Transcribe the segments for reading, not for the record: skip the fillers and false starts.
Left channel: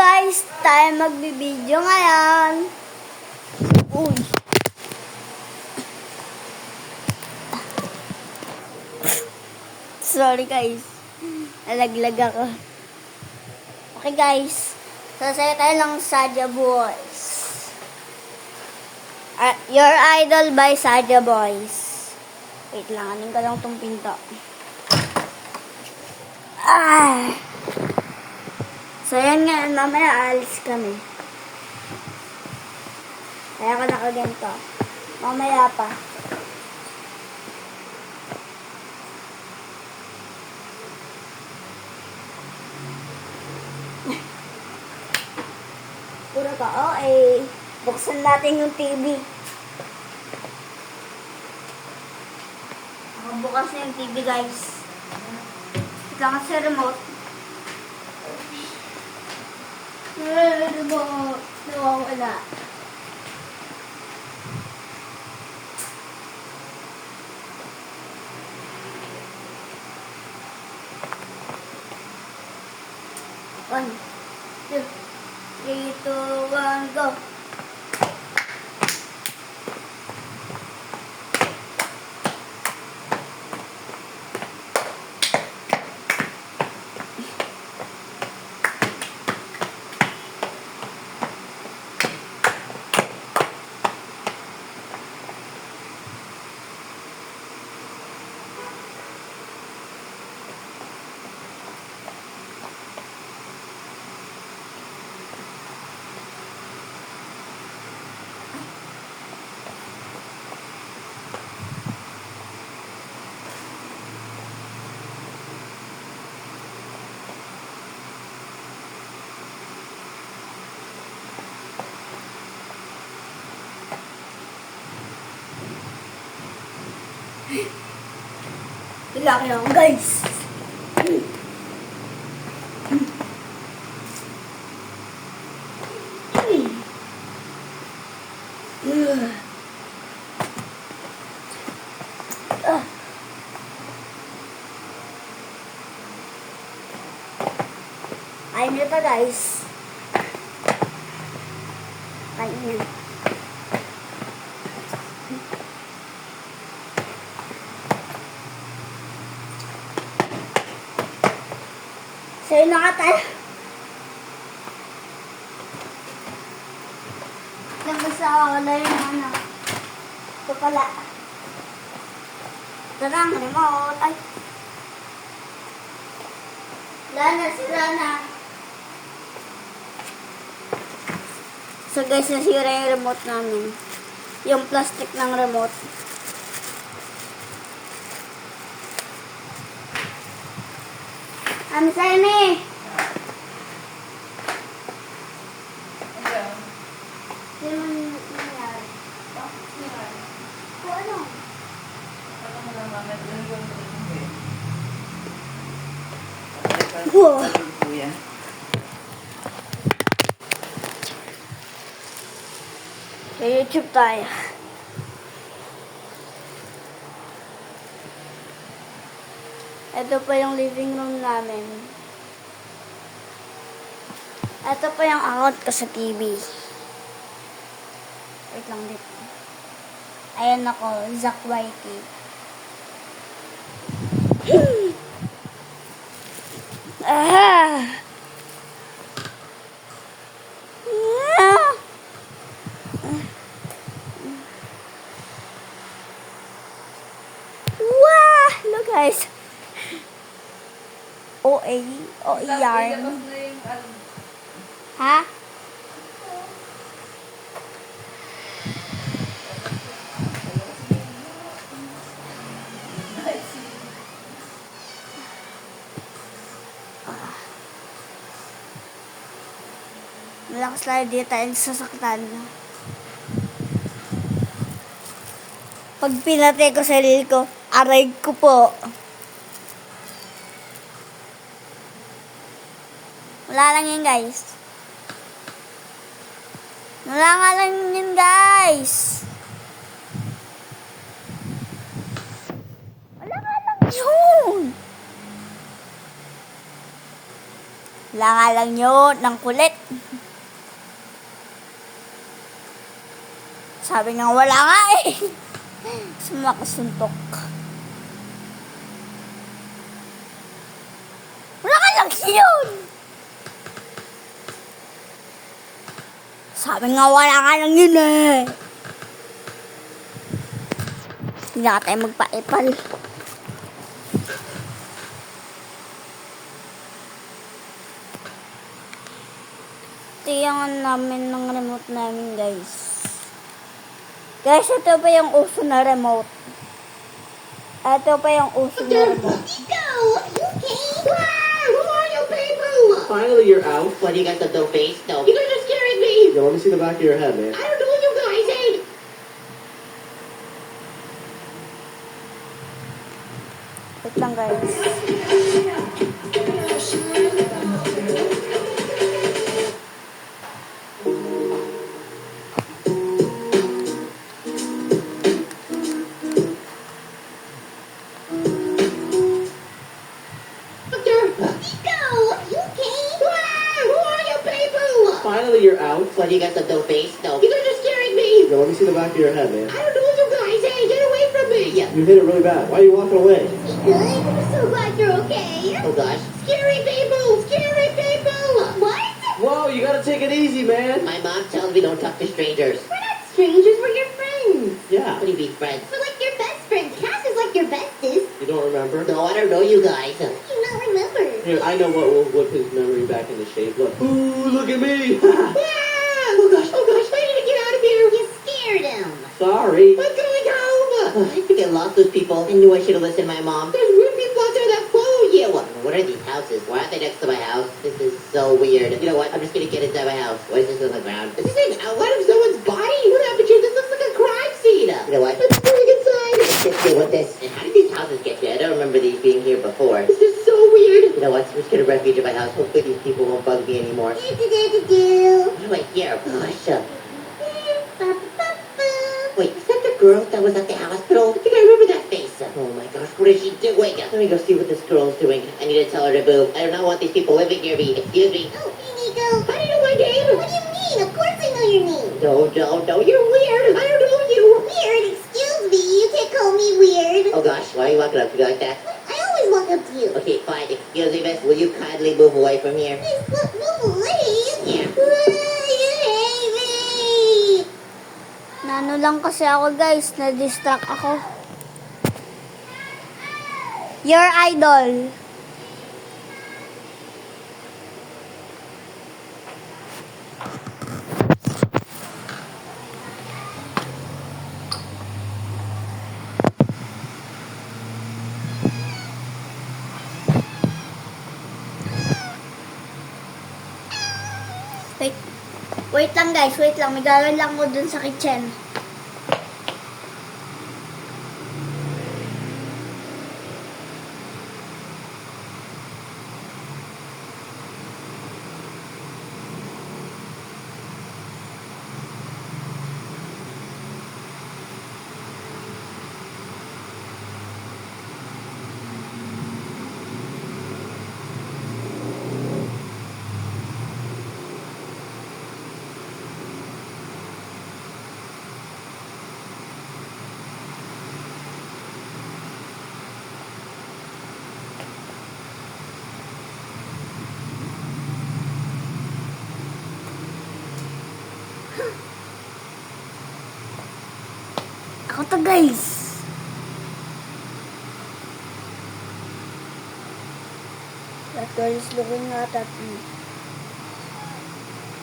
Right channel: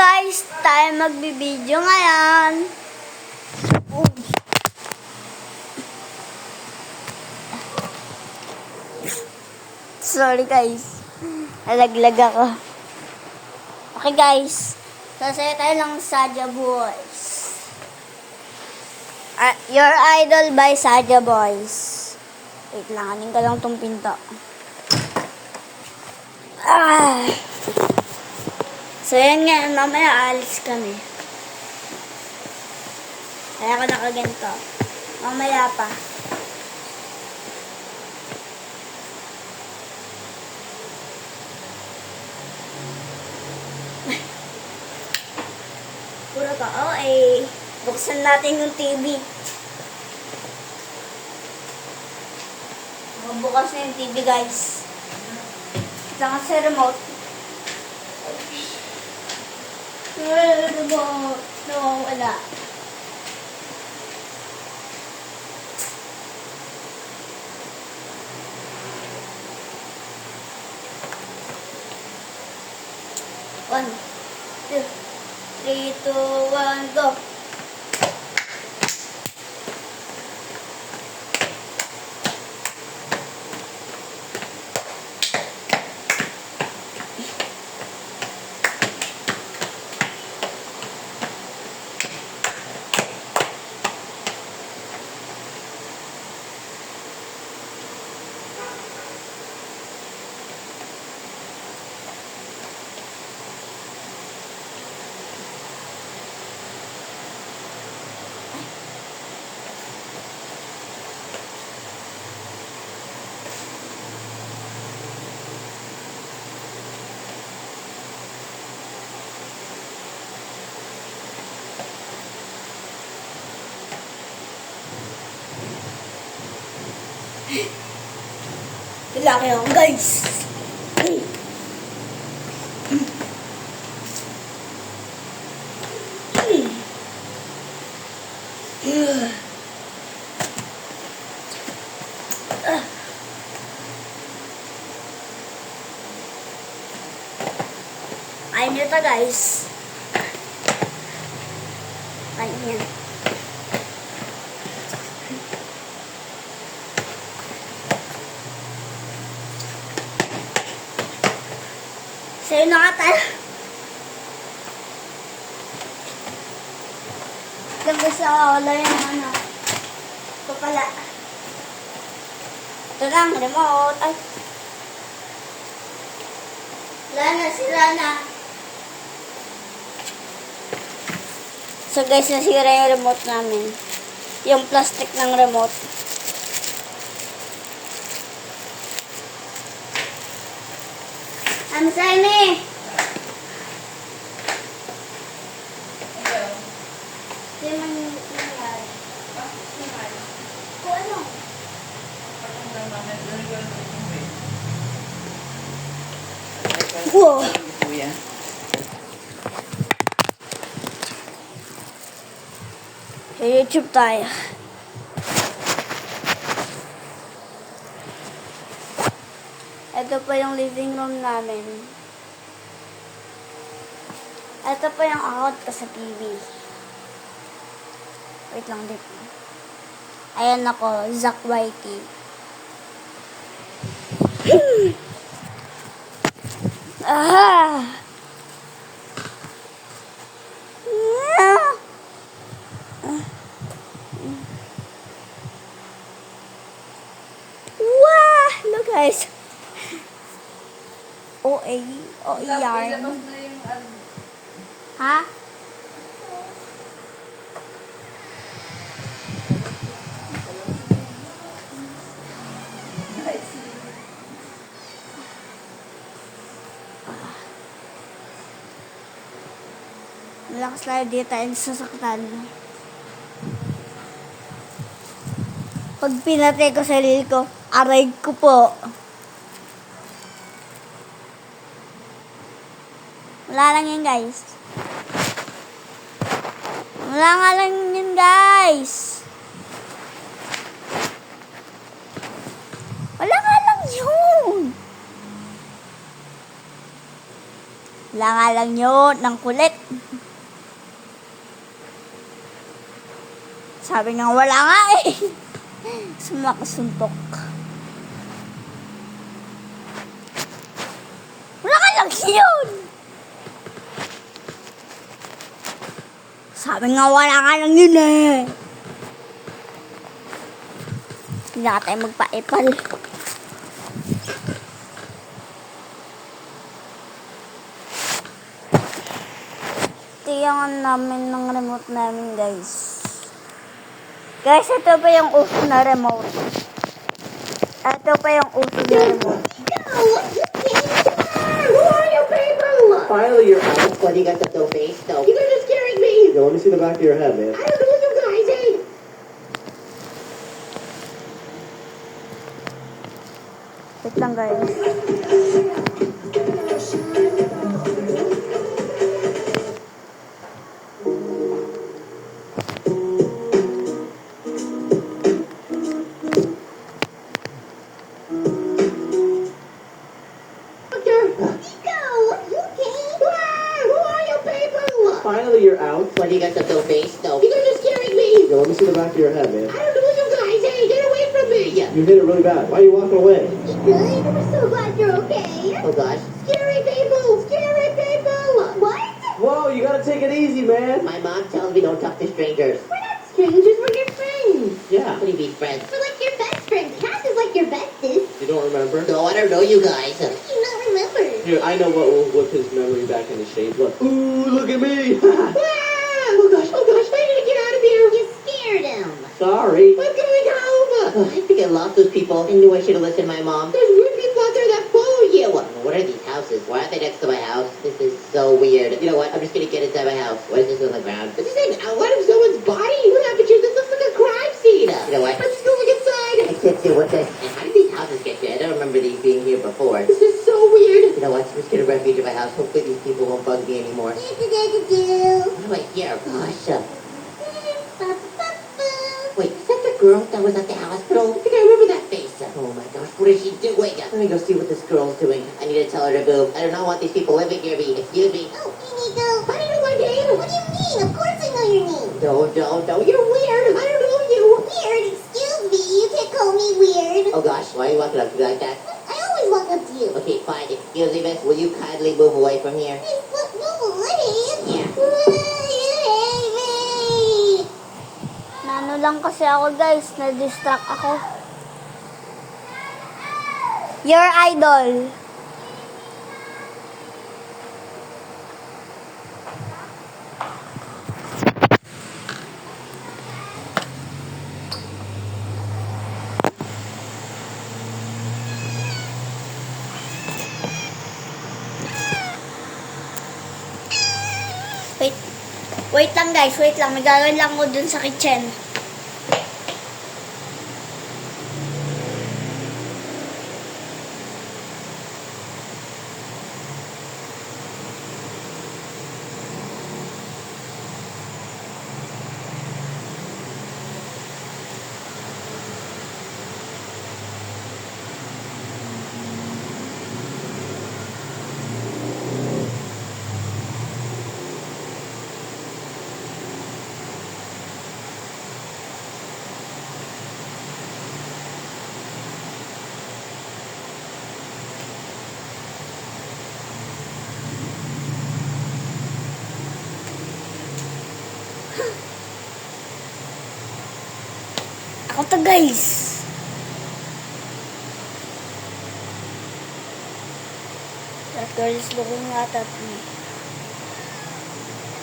guys, tayo magbibideo ngayon. Uy. Sorry guys, nalaglag ako. Okay guys, sasaya tayo ng Saja Boys. Your Idol by Saja Boys. Wait lang, anin ko lang tong pinto. So yan nga, mamaya alis kami. Kaya ako nakaganto. Mamaya pa. Puro ka, buksan natin yung TV. Nakabukas na yung TV guys. Diyan sa remote. Remote. Nawawala. One, two, 3, 2, 1, go! Laki ako guys. Ayun nyo ta guys. Ayun yan. Sa'yo na ka tayo. Labas sa ulo yung ano. Ito pala. Ito lang, remote. Ay. Lana, sira na. So guys, nasira yung remote namin. Yung plastic ng remote. I'm sorry. Hindi man nangyari. O ano? Wow. Sa YouTube tayo. Ito pa yung living room namin. Ito pa yung angot ko sa TV. Wait lang dito. Ayan ako, Zack Whitey. Aha! Wow! Look guys. yarn. Ha? Malakas lang dito tayo sasaktan. Pag pinatay ko sarili ko, aray ko po. Wala lang yun guys. Wala nga lang yun guys. Wala nga lang yun. Wala nga lang yun, ng kulit. Sabi nga wala nga eh. Sumakasuntok. Wala nga lang yun. Sabi nga wala nga lang yun eh. Hindi na tayo magpa-epal. Tiyangan namin ng remote namin, guys. Guys, ito pa yung uso na remote. Ito pa yung uso na remote. Finally, you're out. What, you got the dope face? No. You guys are scaring me. Yeah, let me see the back of your head, man. I don't know you guys, eh? Wait lang, guys. Finally, you're out. What, you got the dope face? No. You guys are scaring me. Yeah, let me see the back of your head, man. I don't know you guys, eh? Get away from me. You hit it really bad. Why are you walking away? Good. I'm so glad you're okay. Oh, gosh. Scary people. Scary people. What? Whoa, you gotta take it easy, man. My mom tells me don't talk to strangers. We're not strangers, we're your friends. Yeah. What do you mean, friends? We're like your best friends. Cass is like your bestest. You don't remember? No, I don't know you guys. How do you not remember? Here, I know what will whip his memory back into shape. Look. Ooh, look at me. Oh, gosh. Why did you get out of here? You scared him. Sorry. I'm going home. I think I lost those people. I knew I should have listened to my mom. There's weird people out there that follow you. What are these houses? Why aren't they next to my house? This is so weird. You know what? I'm just gonna get inside my house. Why is this on the ground? Is this an outline of someone's body? What happened here? This looks like a crime scene. You know what? Let's go inside. Let's deal with this. And how did these houses get here? I don't remember these being here before. This is so weird. You know what? I'm just gonna refuge in my house. Hopefully these people won't bug me anymore. What do I hear? Gosh. Wait, is that the girl that was at the hospital? I think I remember that face. Oh my gosh, what is she doing? Let me go see what this girl's doing. I need to tell her to move. I do not want these people living near me. Excuse me. Oh, hey, Nico. How do you know my name? What do you mean? Of course I know your name. No, you're weird. I don't know you. Weird? Excuse me. You can't call me weird. Oh gosh, why are you walking up to me like that? I always walk up to you. Okay, fine. Excuse me, miss. Will you kindly move away from here? Hey, move away. Yeah. You hate me. Nano lang kasi ako, guys. Na-distract ako. Your idol. Wait lang, guys. Wait lang. May gagawin lang ko dun sa kitchen. Ako to, guys. That girl is looking out at me.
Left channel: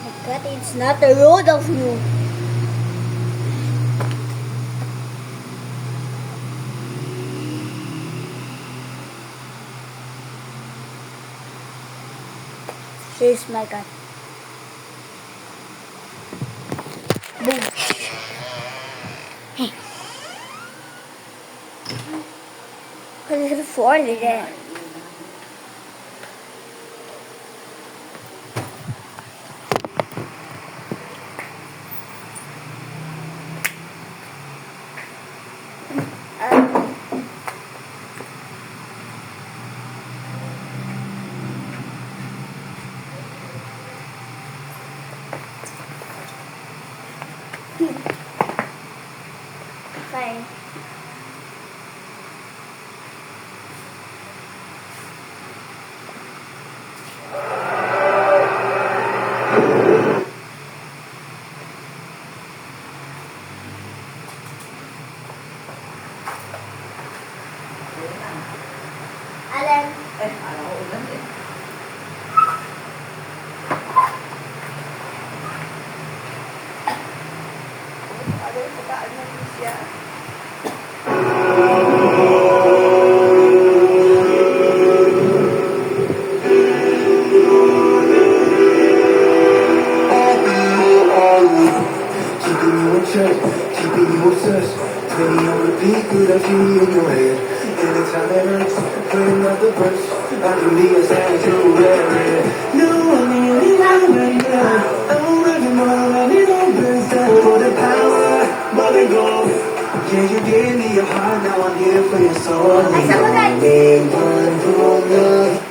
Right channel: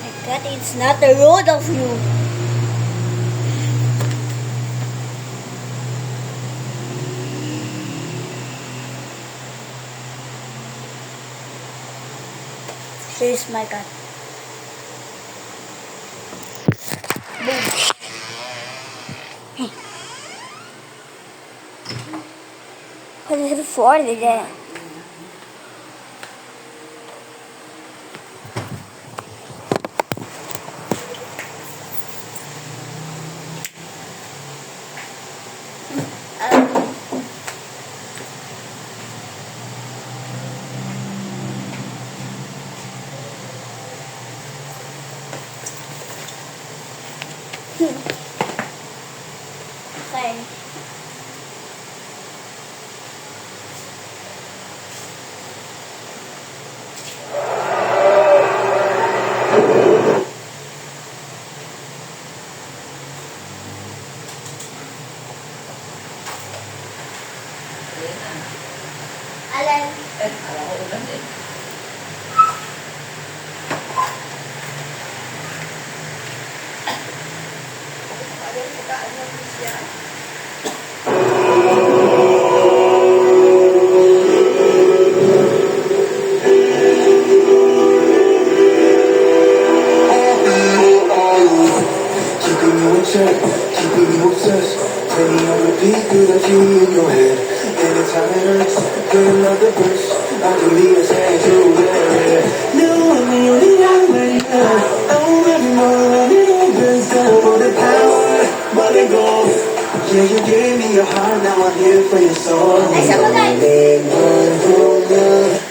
My God, it's not the road of you. Here's my cat. Boom. Hey. What is it for today? Bye. Alan. Keeping you in check, keeping you obsessed. Playing on repeat through the key in your head. Anytime it hurts, play another verse. I can be as hard as you wear it. No, I'm the only one right now. Oh, everyone when it opens down for the power, but it go. Yeah, you gave me your heart, now I'm here for your soul. Ay, sabagay. Only one who love.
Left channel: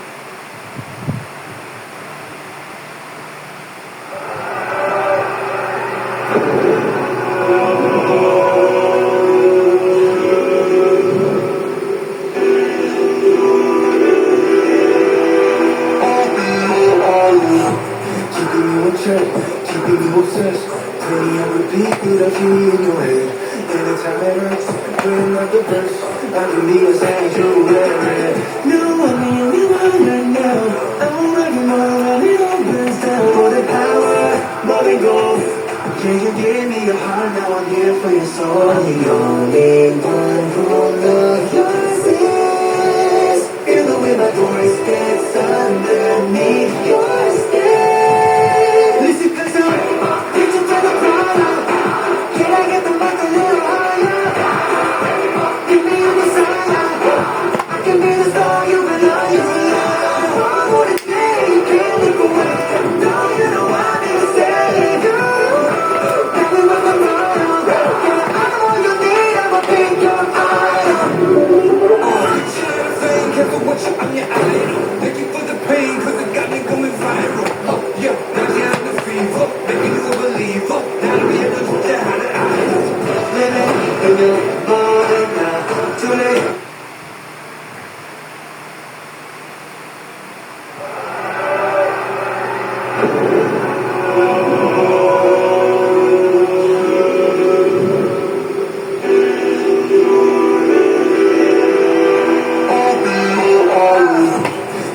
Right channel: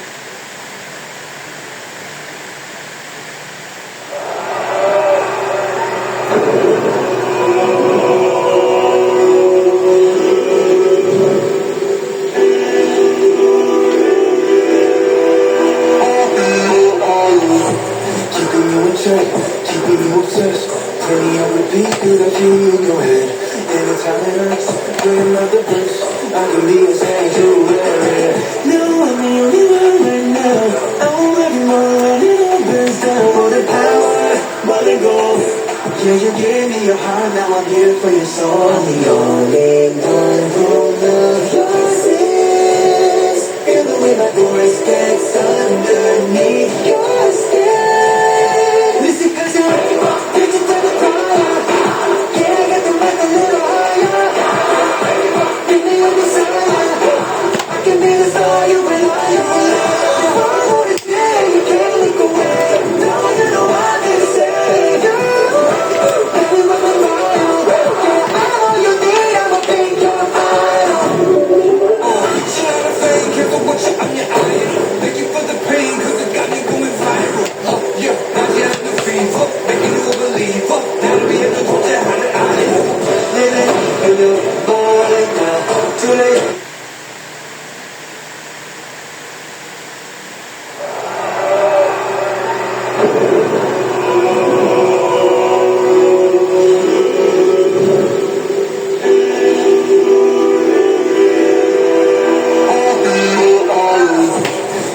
Keeping you in check, keeping you obsessed. Playing on repeat through the key in your head. Anytime it hurts, play another verse. I can be as hard as you wear it. No, I'm the only one right now. Oh, everyone when it opens down for the power, let it go. Yeah, you gave me your heart, now I'm here for your soul. The only one who loves your sins. Feel the way my voice gets underneath your skin. Listen, 'cause you're reaching for the fire. Can I get the mic a little higher? Meet me on the side. I can be the star you belong. You want it, yeah, you can't look away. No, you know I can save you. Now we run the fire. Yeah, I'm all you need. I'ma make your fire. Shut up, fake, careful what you on your idol. Thank you for the pain, 'cause it got me going viral. Oh, yeah, now you're on the fever, making you a believer. Now to be able to put you out of idol. Living in your mind now, too late.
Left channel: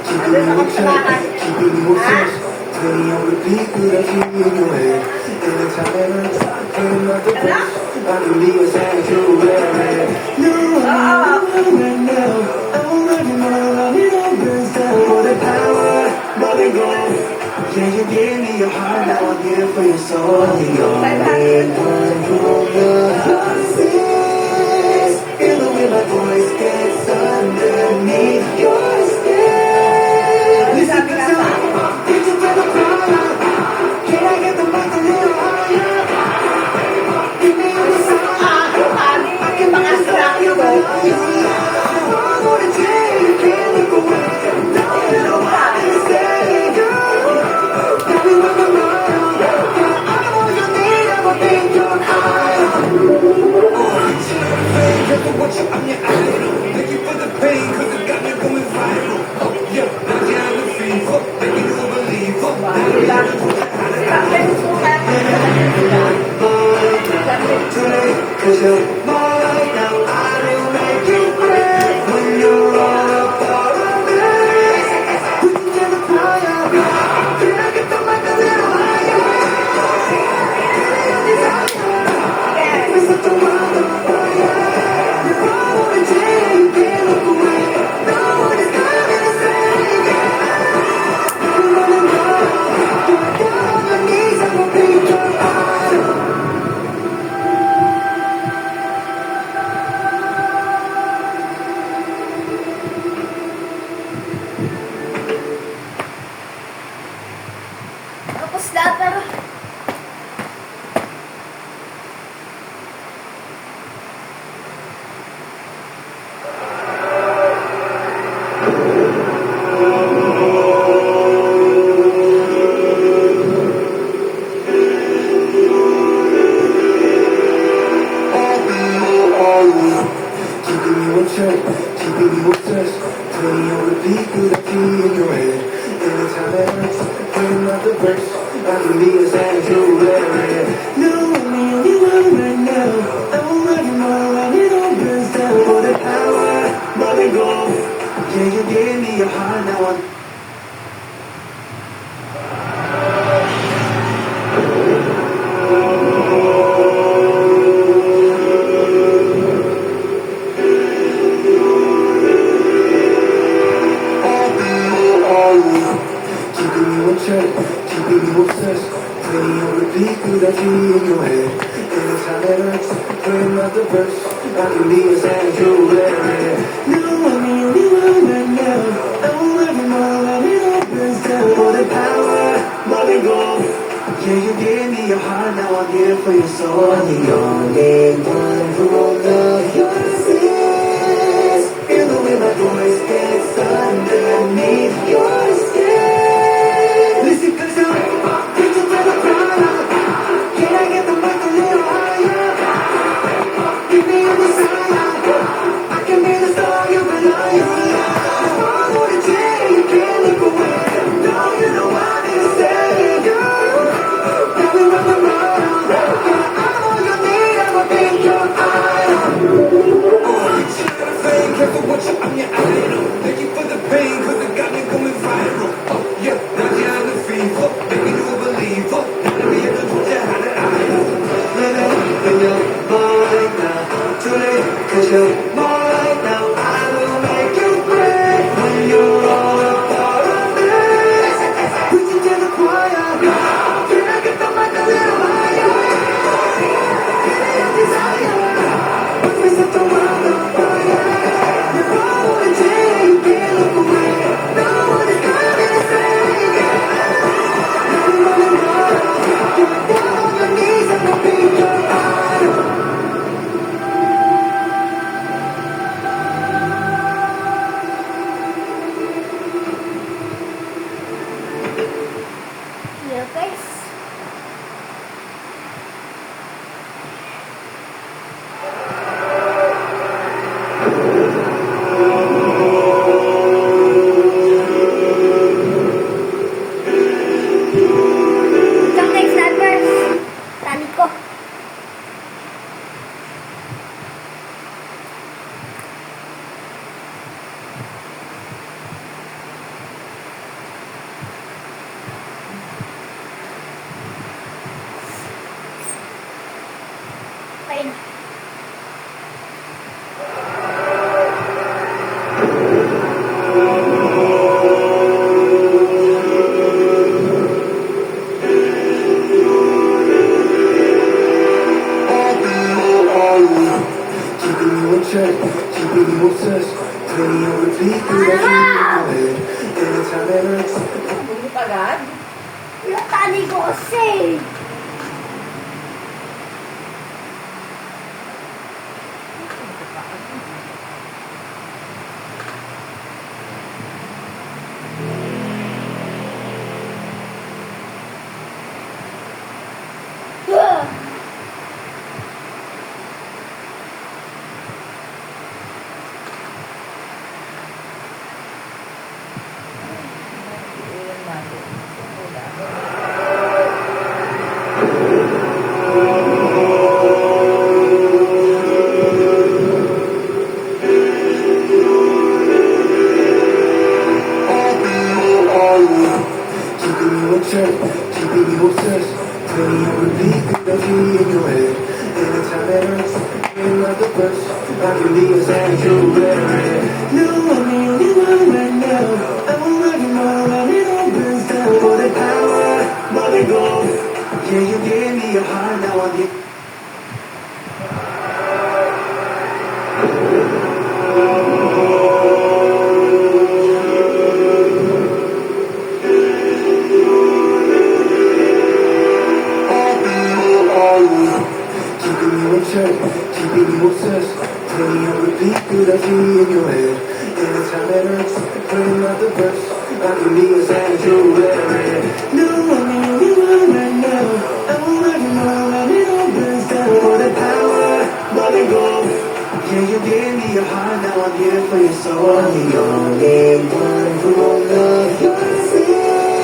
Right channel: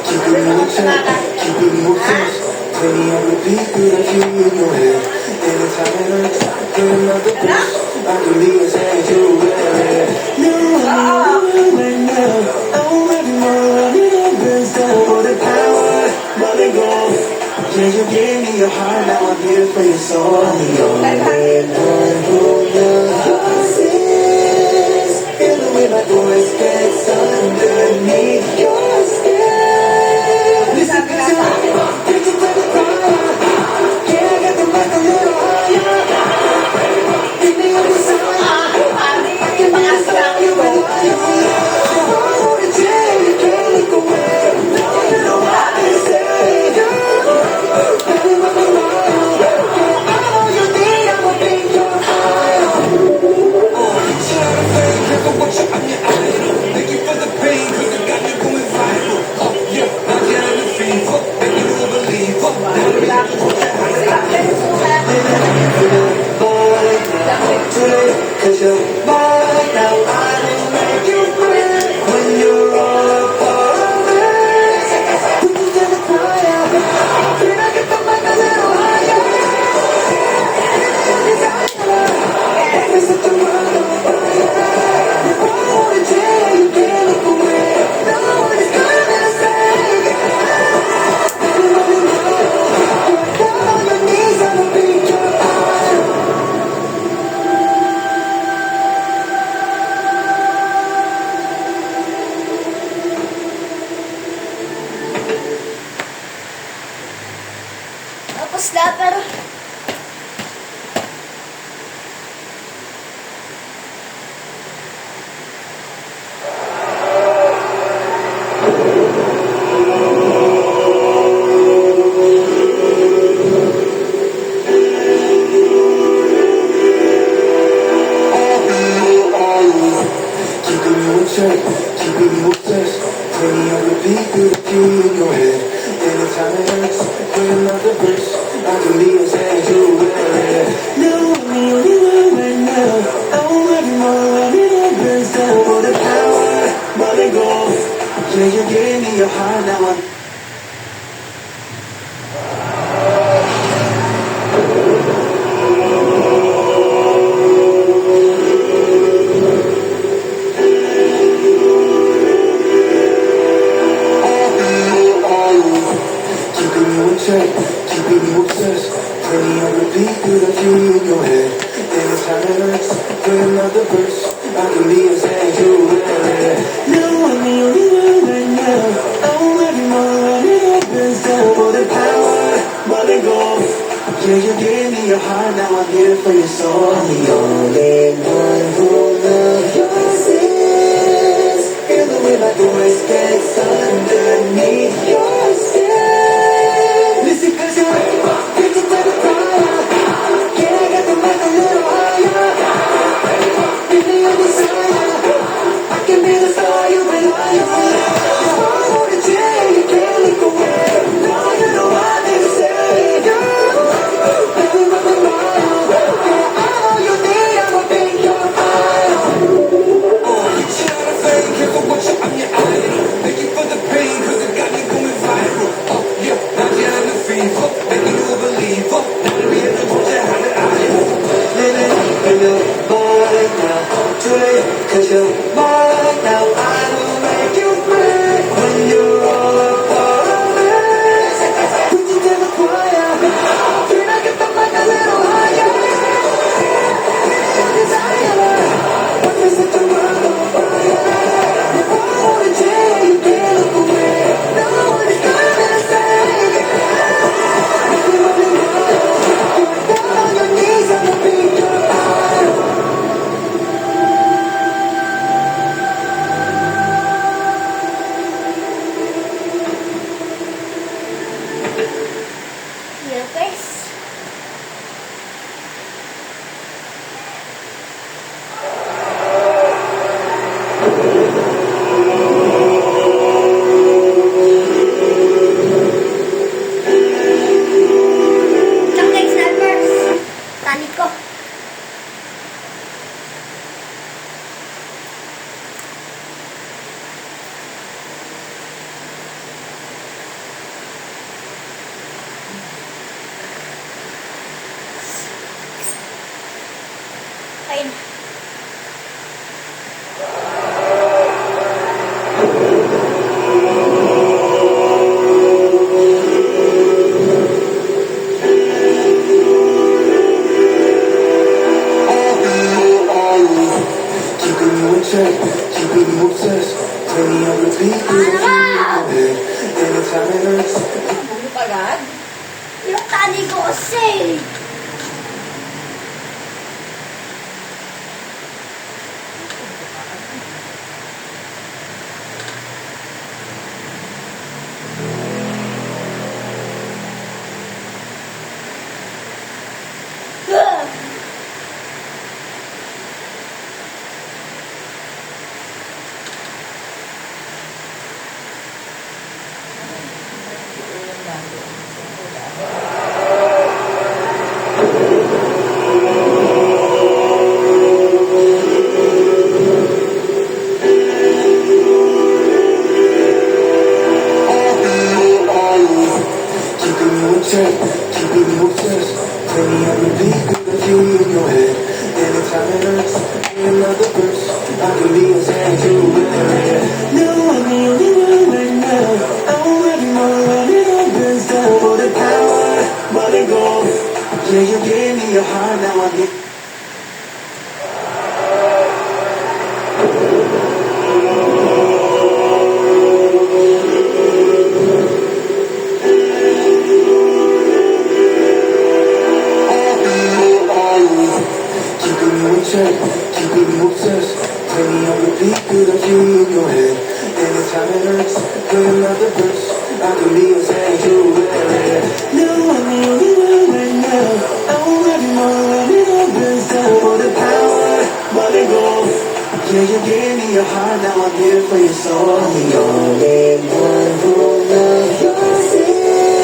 Keeping you in check, keeping you obsessed. Playing on repeat through the key in your head. Anytime it hurts, play another verse. I can be as hard as you wear it. No, I'm right now. Oh, everyone when it opens down for the power, let it go. Yeah, you gave me your heart, now I'm here for your soul. The only one who loves your sins. Feel the way my voice gets underneath your skin. Listen, 'cause you're reaching for the fire. Can I get the mic a little higher? Meet me on the side. I can be the star you belong. You want it, yeah, you can't look away. No, you know I can save you. Now we run the wire. Yeah, I'm all you need. I'ma make your higher. Shut up, fake, careful what you on your idol. Thank you for the pain, 'cause it got me going viral. Oh, yeah, now you're on the fever, making you a believer. Now to be able to put you out of idol. Cause you're mine now, I will make you free. When you're all a part of me, when you get a choir, can I get the mic a little higher? We set the world on fire. You want it, yeah, you can't look away. No one is coming to save you. Now you're running wild. You're down on your knees, I'ma be your fire. Tapos na, pero... Anytime it hurts, when I'm the verse, I can be a sanctuary. No, I'm the only one right now. I won't love you more when it all burns down. For the power, but let go. Yeah, you gave me your heart, now I'm keeping you in check, keeping you obsessed. Playing on repeat through the key in your head. Anytime it hurts, when I'm the verse, I can be a sanctuary. No, I'm the only one right now. I won't love you more when it all burns down. For the power, but let go. Yeah, you gave me your heart, now I'm here for your soul. I'm the only one who will love your sins. Hear the way my voice gets underneath your skin. Listen, cause you're reaching to the fire. Can I get the mic a little higher? Give me a desire. I can be the star you rely on. I wanna change, you can't look away. No, you know I need to say you. Now we run the mile. I'm all you need, I'ma be your fire. Reaching out of faith, careful what you on your idol. Thank you for the pain, cause it got me going viral. Oh yeah, now behind the fever, making you a believer. Now me at the point you had an idol. Living in your mind now, too late, cause you're mine now. I will make you pay when you're all a part of me. Reaching to the choir, can I get the mic a little higher? Desire, what is it the world on fire? If I wanna change, you can't look away. No one is coming to save you. Now you're on your mind, you're down on your knees, I'ma be your idol. Hello guys. Isang guys, snipers. Tali ko. Ayun. Keeping you in check, keeping you obsessed. Playing on repeat through the key in your head. Anytime it hurts, Bumit agad? Yung tali ko kasi. Ah! Ulam natin. Ulam. keeping you in check, keeping you obsessed. Playing on repeat through the key in your head. Anytime it hurts, when I'm the verse, I can be a sanctuary. No, I'm the only one right now. I won't love you more when it all burns down. For the power, but let go. Yeah, you gave me your heart, now I'm here. Keeping you in check, keeping you obsessed. Playing on repeat through the key in your head. Anytime it hurts, when I'm the verse, I can be a sanctuary. No, I'm the only one right now. I won't love you more when it all burns down. For the power, but let go. Yeah, you gave me your heart, now I'm here for your soul. I'm the only one who will love your sins.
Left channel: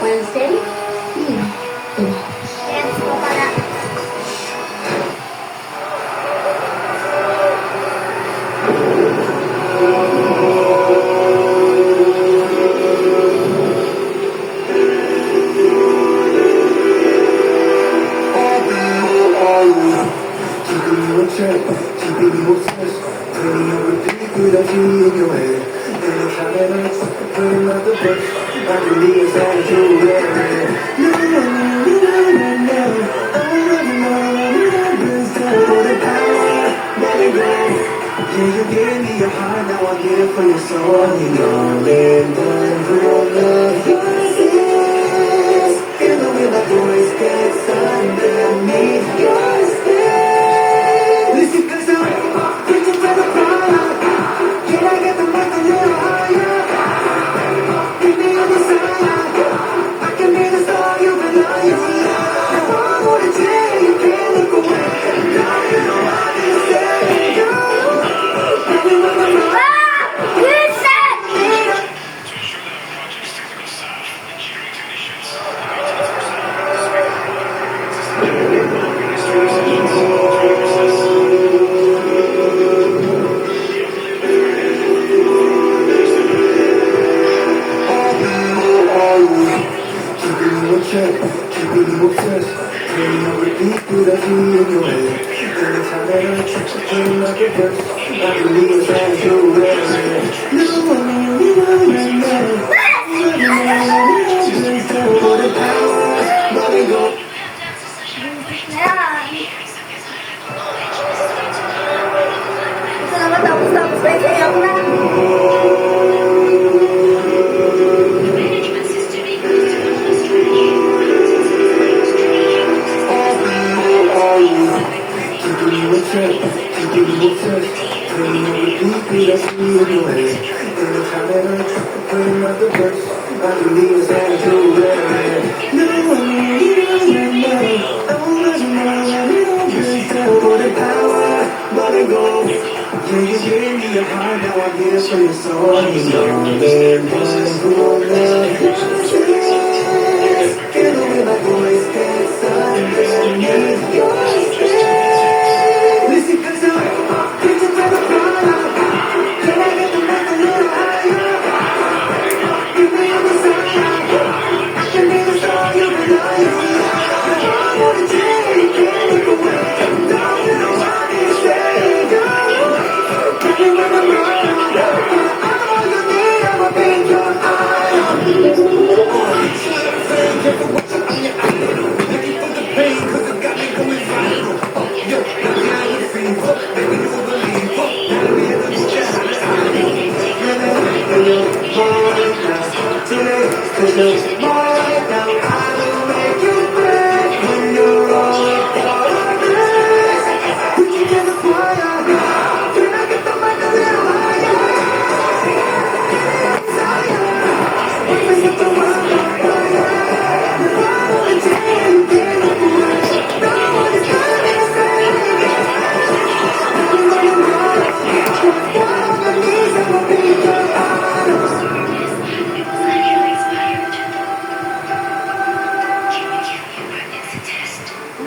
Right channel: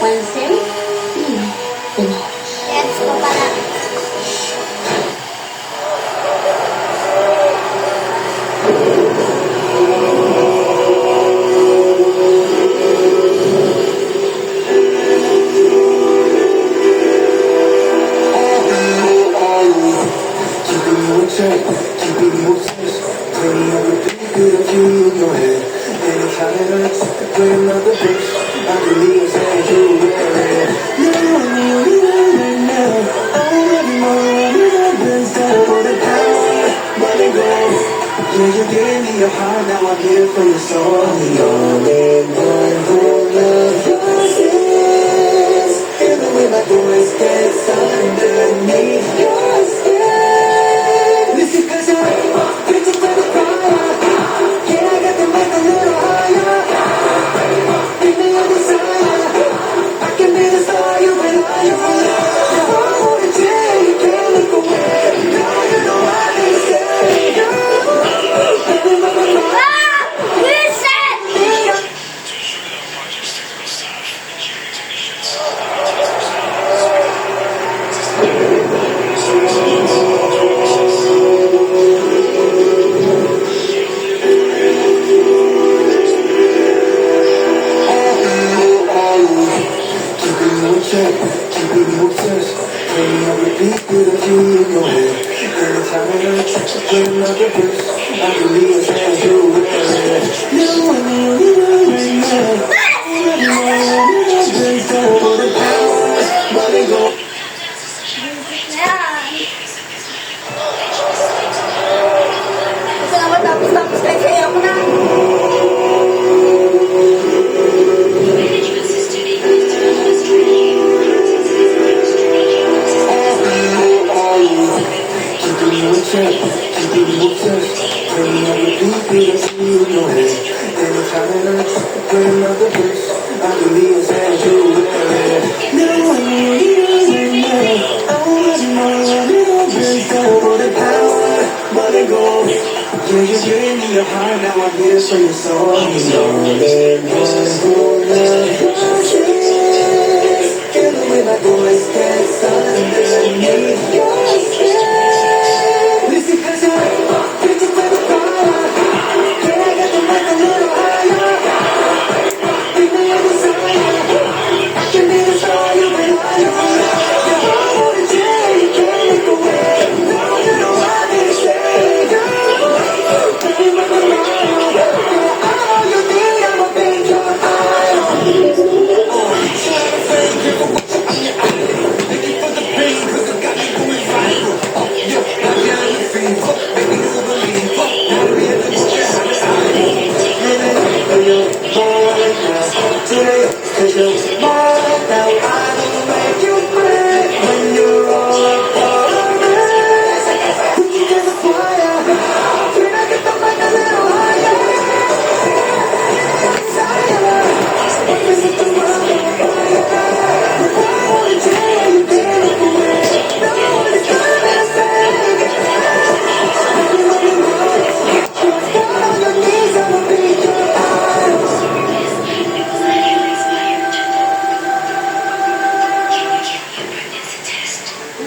Pansin? Let's go pala. Keeping you in check, keeping you obsessed. Plenty of repeat that I feel in your head. Anytime it hurts, dream of the best. I can be a second to that. No, no, no, no, no. Oh, everyone, been still for the power. Let it go. Yeah, you gave me your heart, now I'm here for your soul. The only one who loves your sins. Even when my voice gets underneath your skin. Listen, 'cause I'm reaching for the fire. Can I get the mic a little higher? Give me a desire. I can be the star you rely on. I wanna tell you can't look away. Now you know I can say you. Who's that? Keeping you in check, keeping you obsessed. Playing on repeat that I feel in your head. Anytime it hurts, dream of the best. I can be a second to that. No, no, no, no, no. Let it go. Ayan. Gusto naman tapos na sayaw ko na. Keeping you in check, keeping you obsessed. Playing on repeat that I feel in your head. Anytime it hurts, dream of the best. I can be a second to that. No, no, no, no. For the power, let it go. Yeah, you gave me your heart, now I'm here for your soul. The only one who loves your sins. Even when my voice gets underneath your skin. Listen, 'cause I'm reaching for the fire. Can I get the mic a little higher? Give me a desire. I can be the star you rely on. I wanna tell you can't look away. Now you know I can say you. Baby, when you're mine, all you need, I'ma be your eye.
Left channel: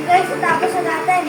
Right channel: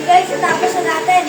Guys, tapos na natin.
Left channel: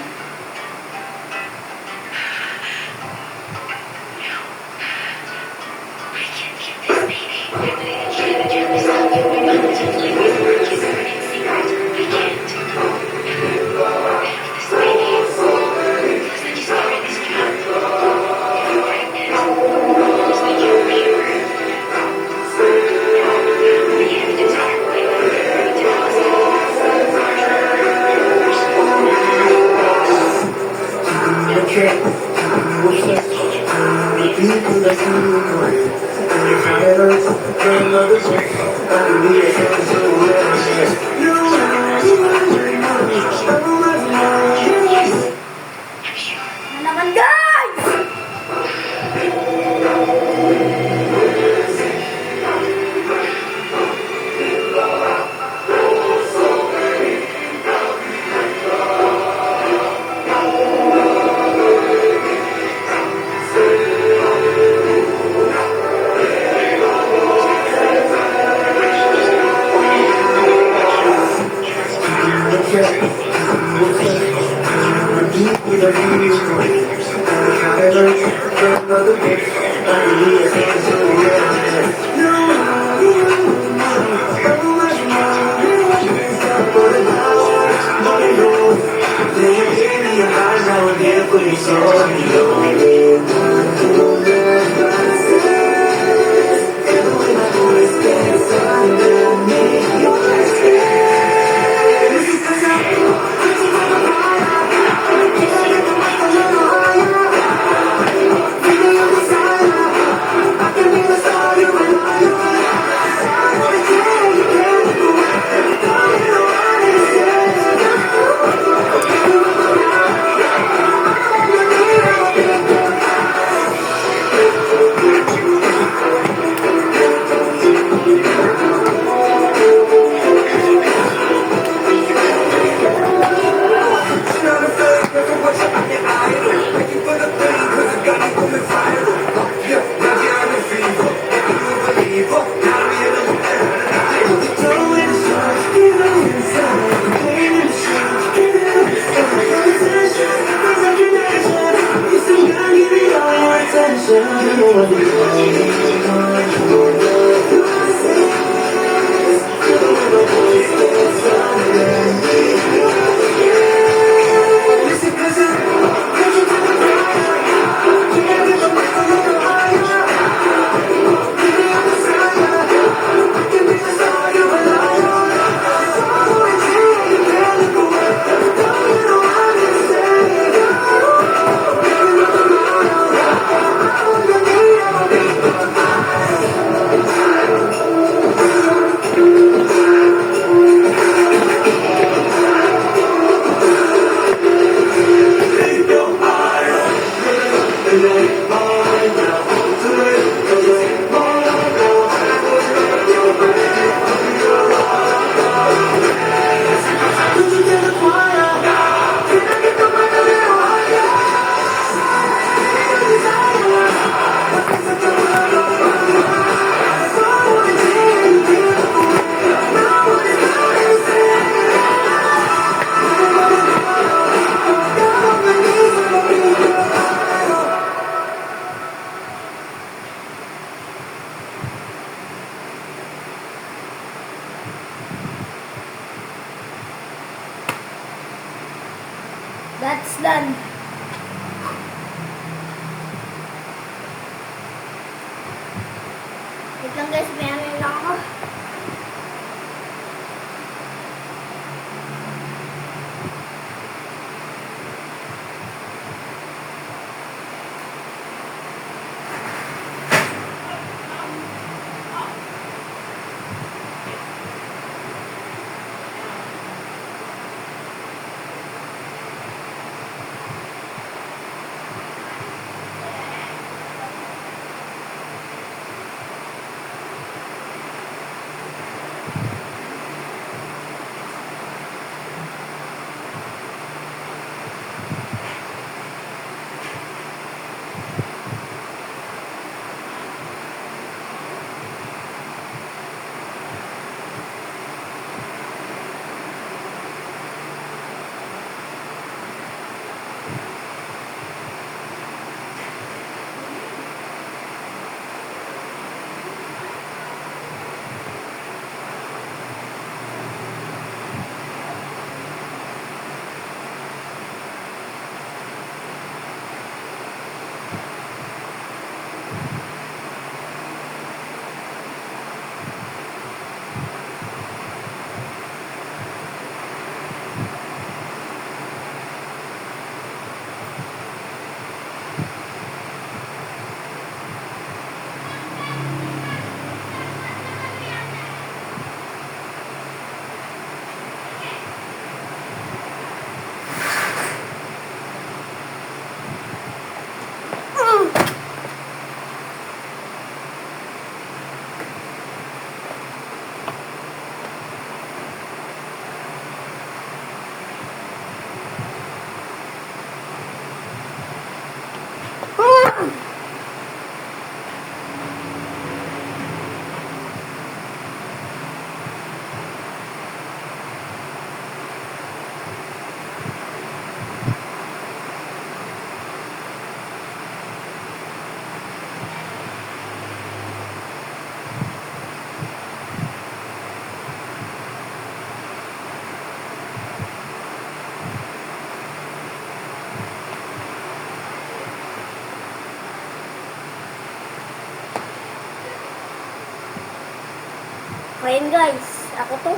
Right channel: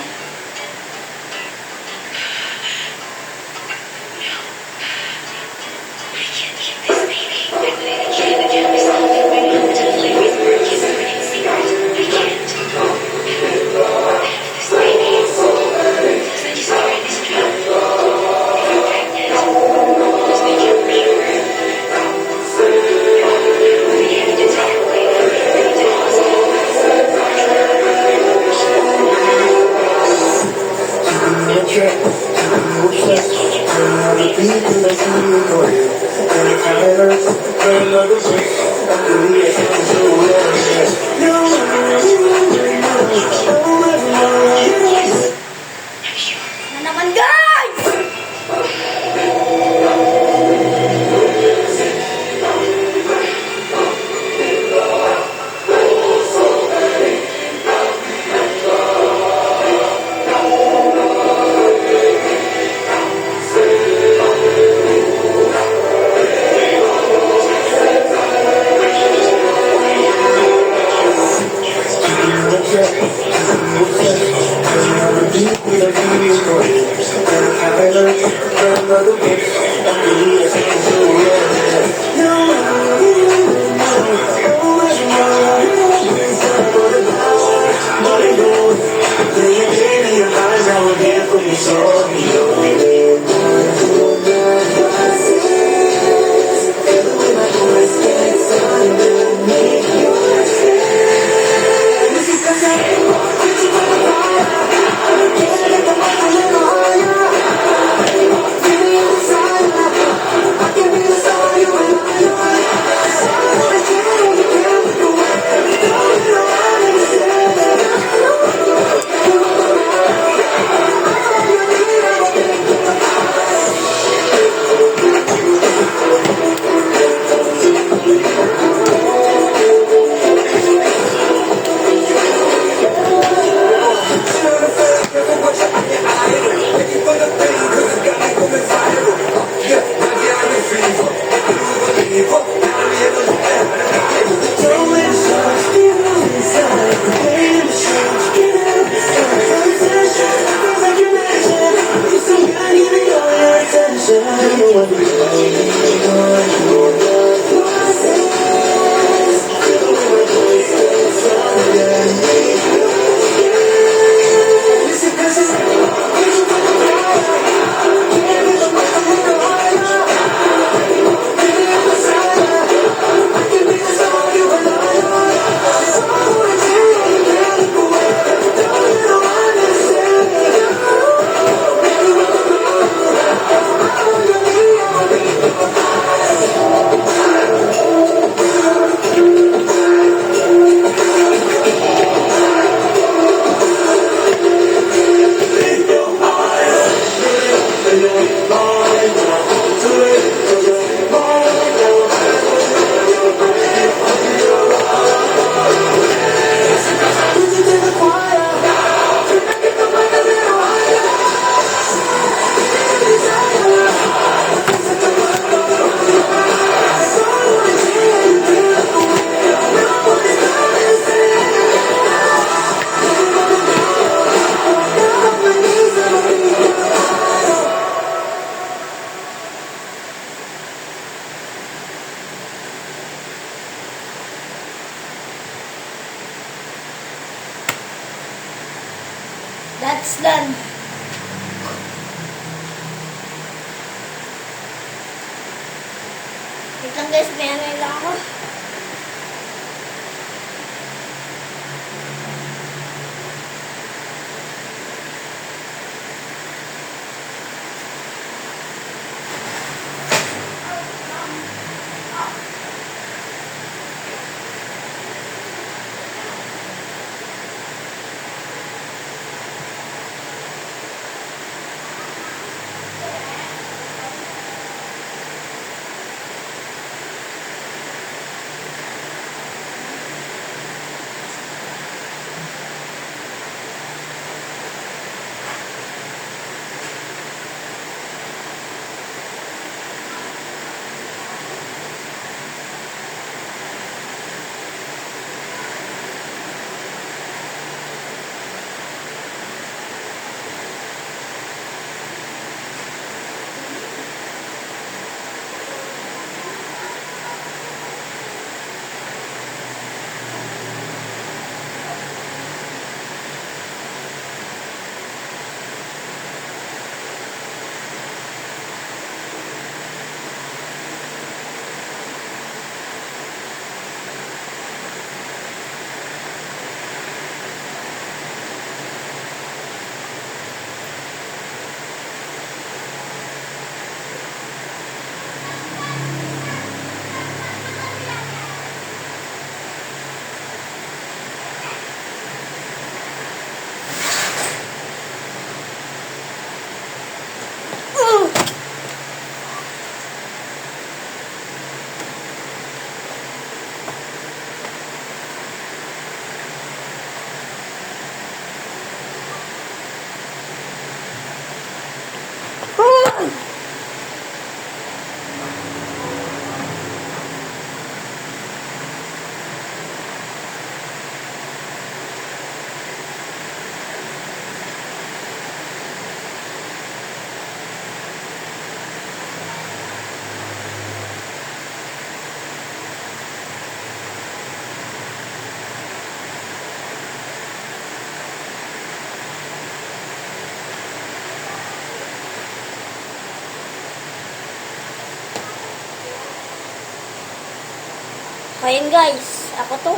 Na naman, guys! That's done. Wait lang guys, may ano lang ako. Ayan guys, ako to.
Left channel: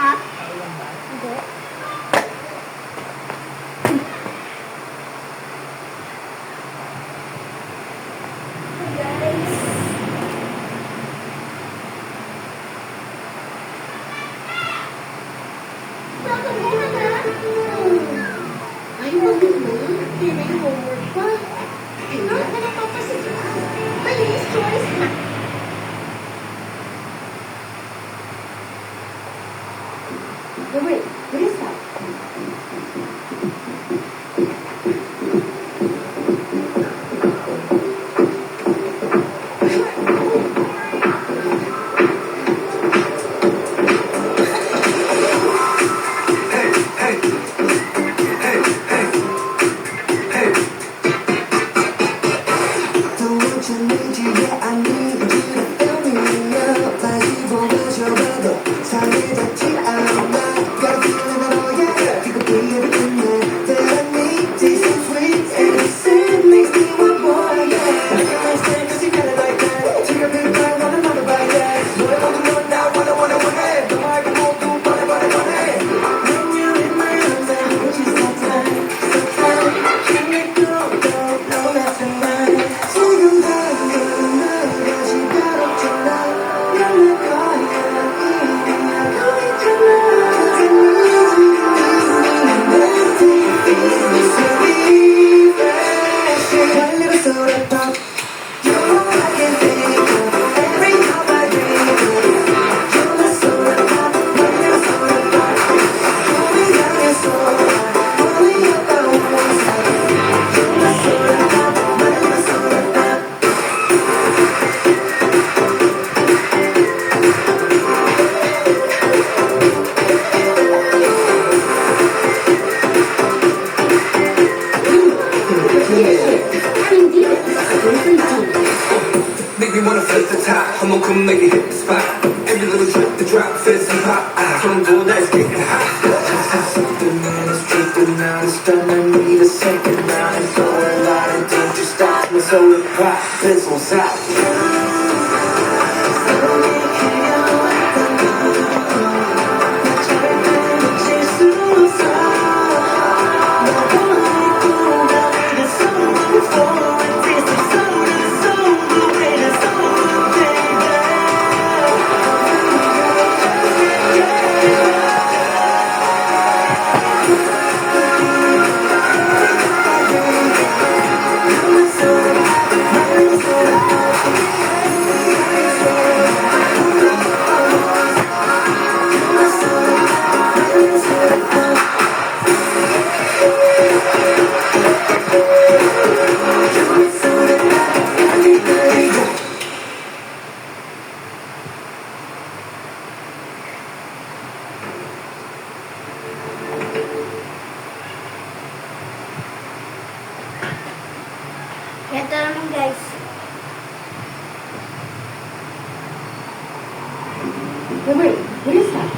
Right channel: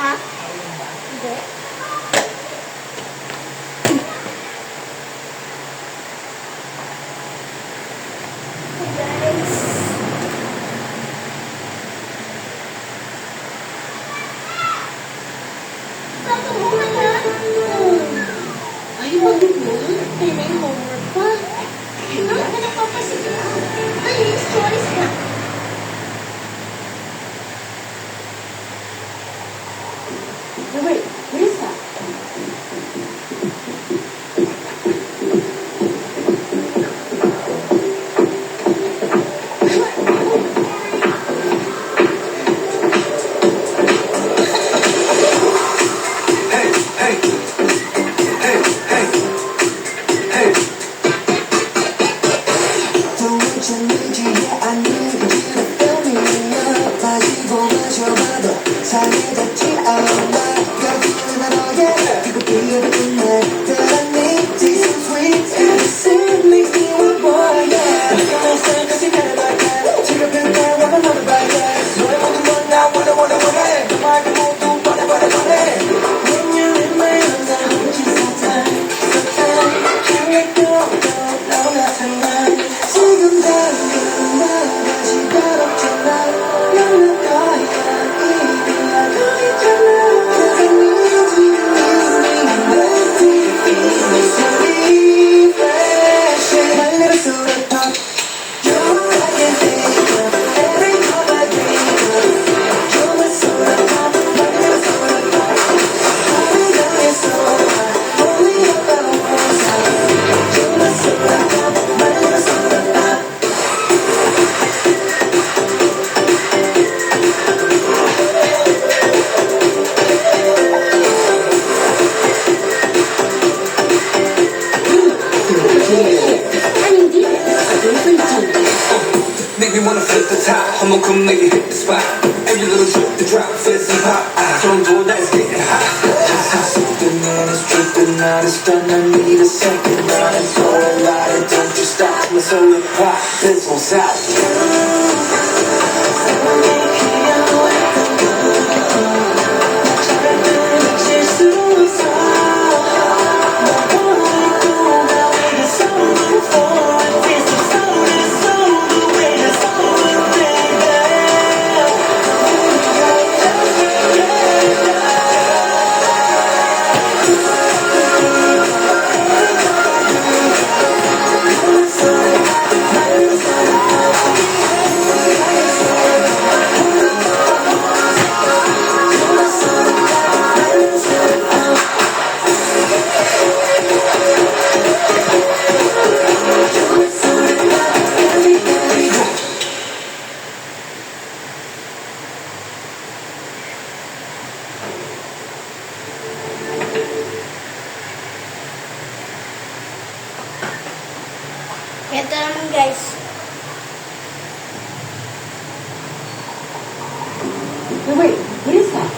Ha? Hindi. Ay, wag mo. Ay, may homework pa. Ano? Pinagpapasin ka. Dali, stories na. Wait, where is that? Don't want you need you, yeah, I need you to fill me up. 가지고 마셔봐도 상해졌지 않아. You're feeling it all, yeah. You could be everything that not a stun, I need a second round. For a lot of don't you stop, my solar pop fizzles out. Ito naman guys. Wait, what is that?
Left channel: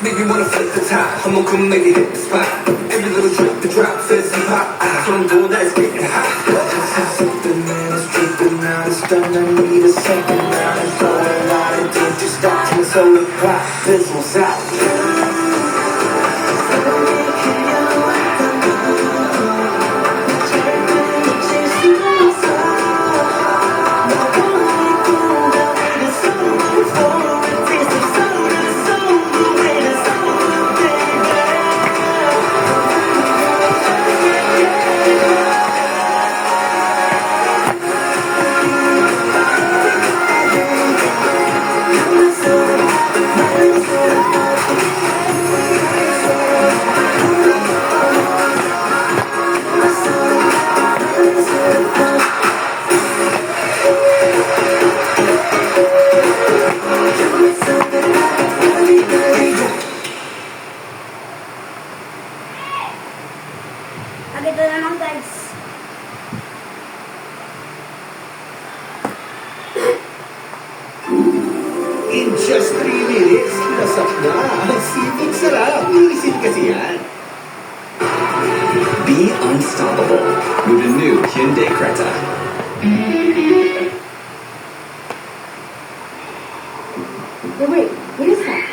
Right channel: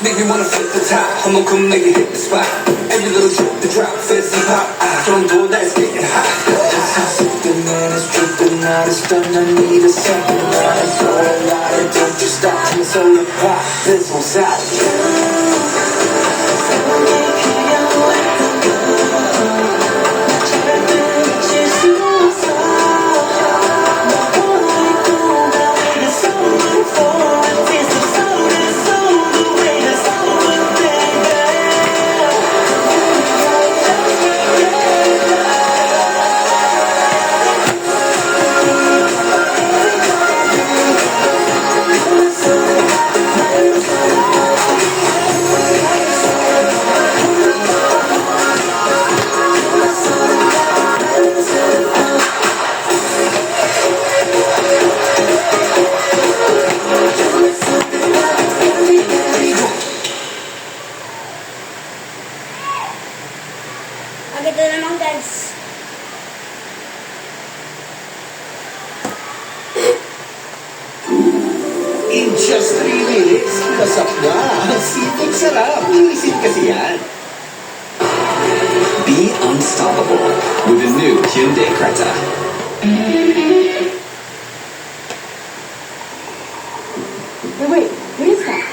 Make me wanna flip the top, I'ma come make it hit the spot. Every little drip, the drop, fizz and pop. Don't go, that's getting hot. Just how something man is dripping out of stun. I need a second round. For a lot of don't you stop, my solar pop fizzles out. Ito naman guys. In just 3 minutes, lasap na. Ang sipag sarap. Iisip kasi yan. Be unstoppable with the new Hyundai Creta. Wait, what is that?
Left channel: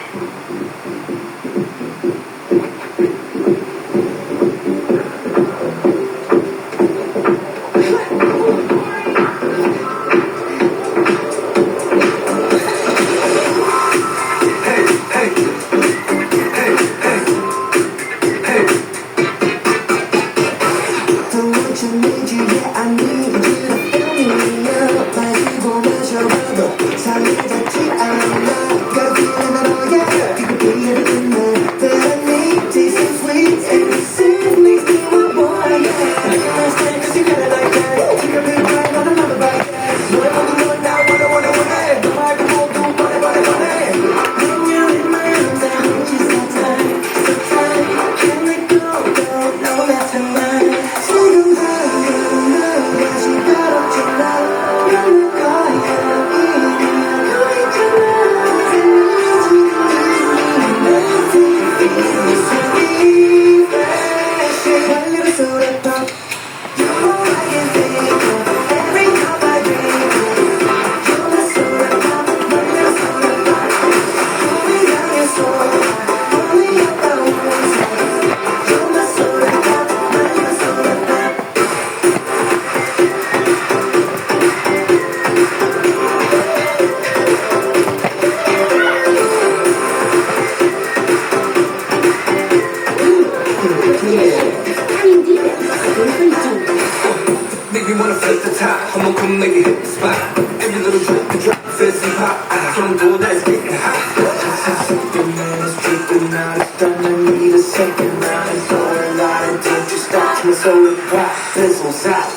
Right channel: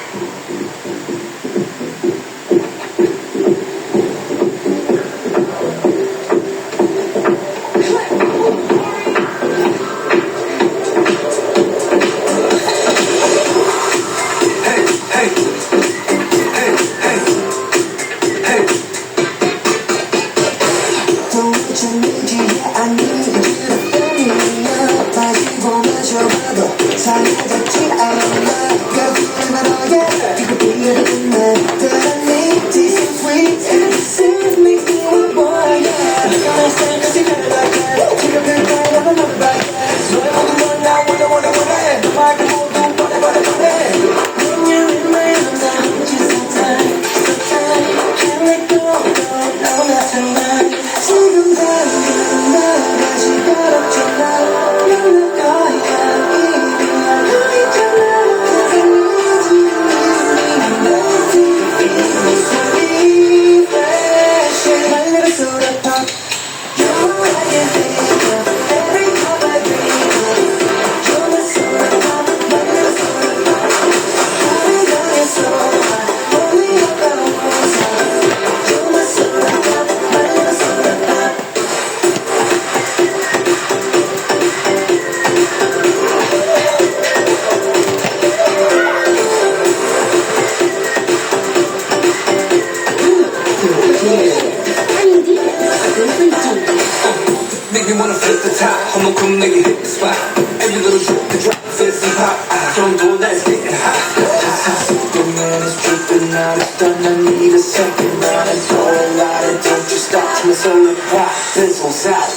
Don't want you need you, yeah, I need you. spot. Every little drip, the drop, fancy pop. Don't go, that's getting hot. That's how Superman is dripping out. It's done, I need a second round. I throw a lot of danger stops. My soul and pop, this won't stop.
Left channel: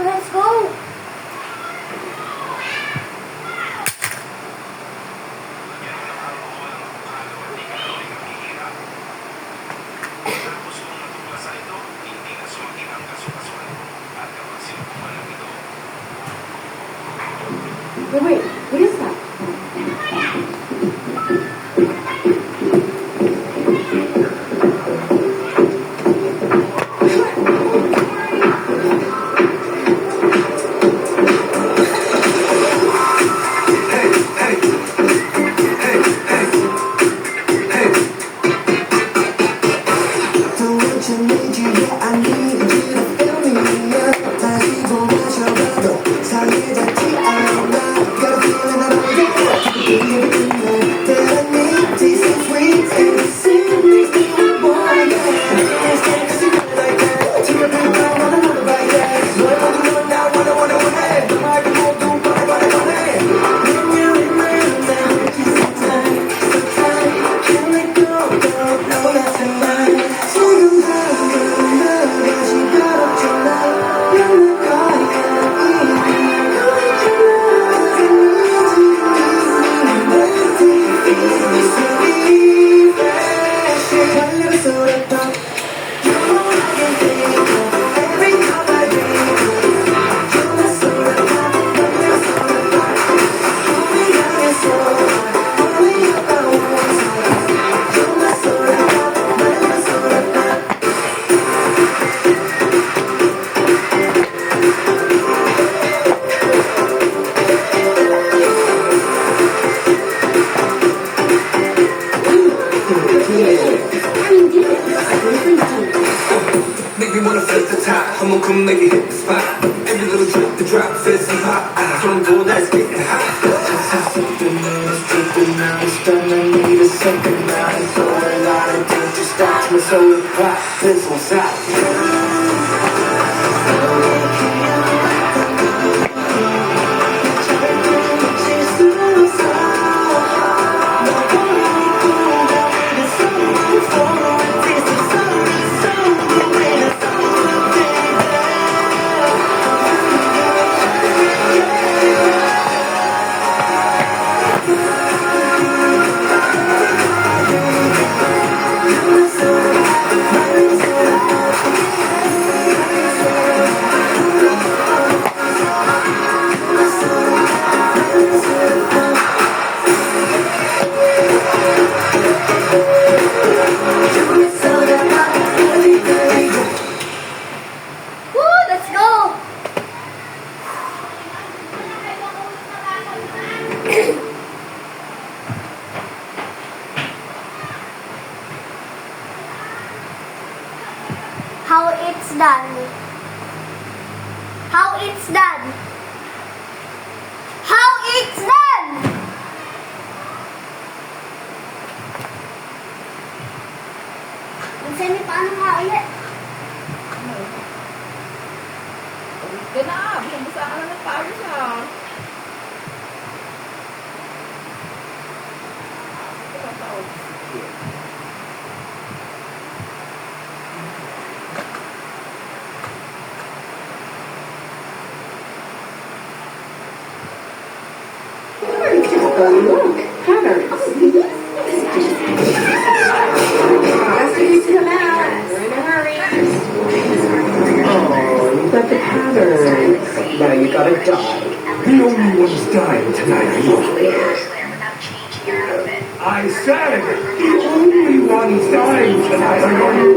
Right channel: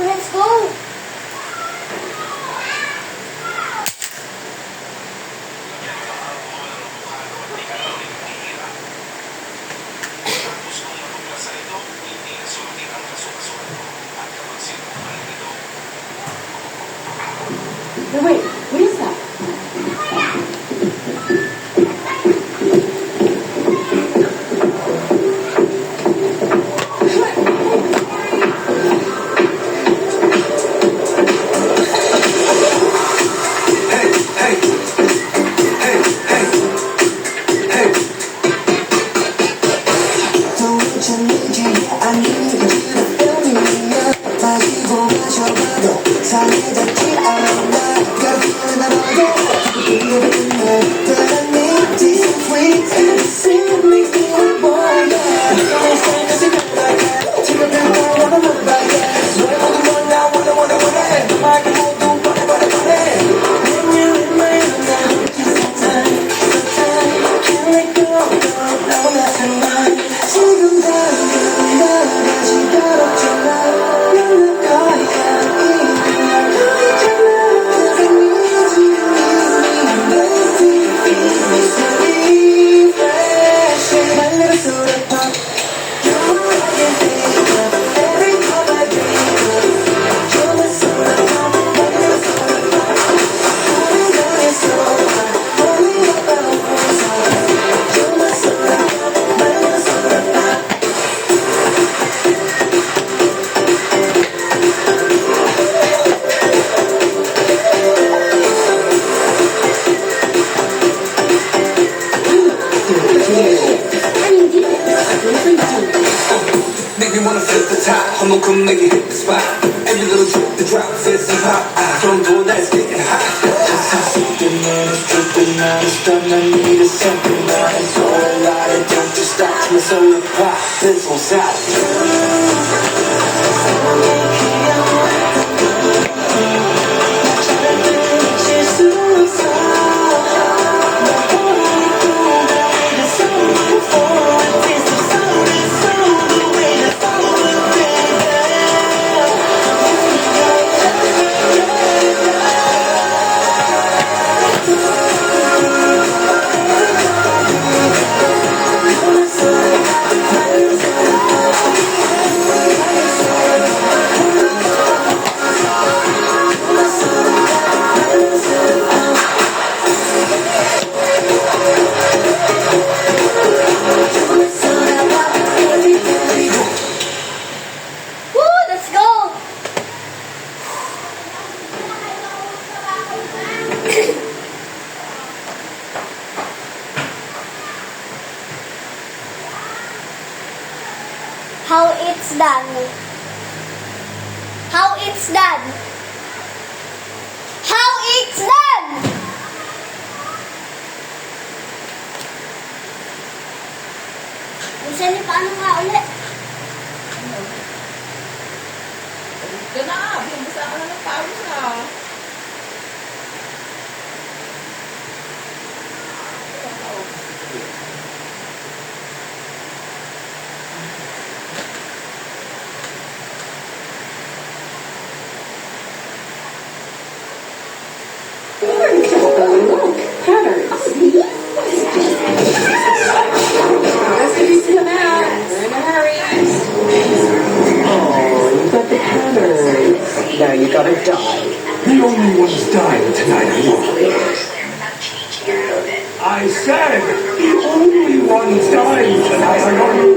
Let's go. Wait, what is that? Make me wanna flip the top. I'ma come make it hit the spot. Every little drip, the drop, fancy pop. Don't go, that's getting hot. That's how Superman is dripping out. It's done, I need a second round. I throw a lot of danger stops. My soul and pop, this won't stop. Woo, let's go. How it's done. How it's done. How it's done. Minsan paano nga ulit? Yan na, binabasa ka na ng pawis ah. Look, patterns. Let's come out. We're in a hurry. Oh, but the patterns. gotta die. The only ones dying tonight are you. I said the only ones dying tonight are you.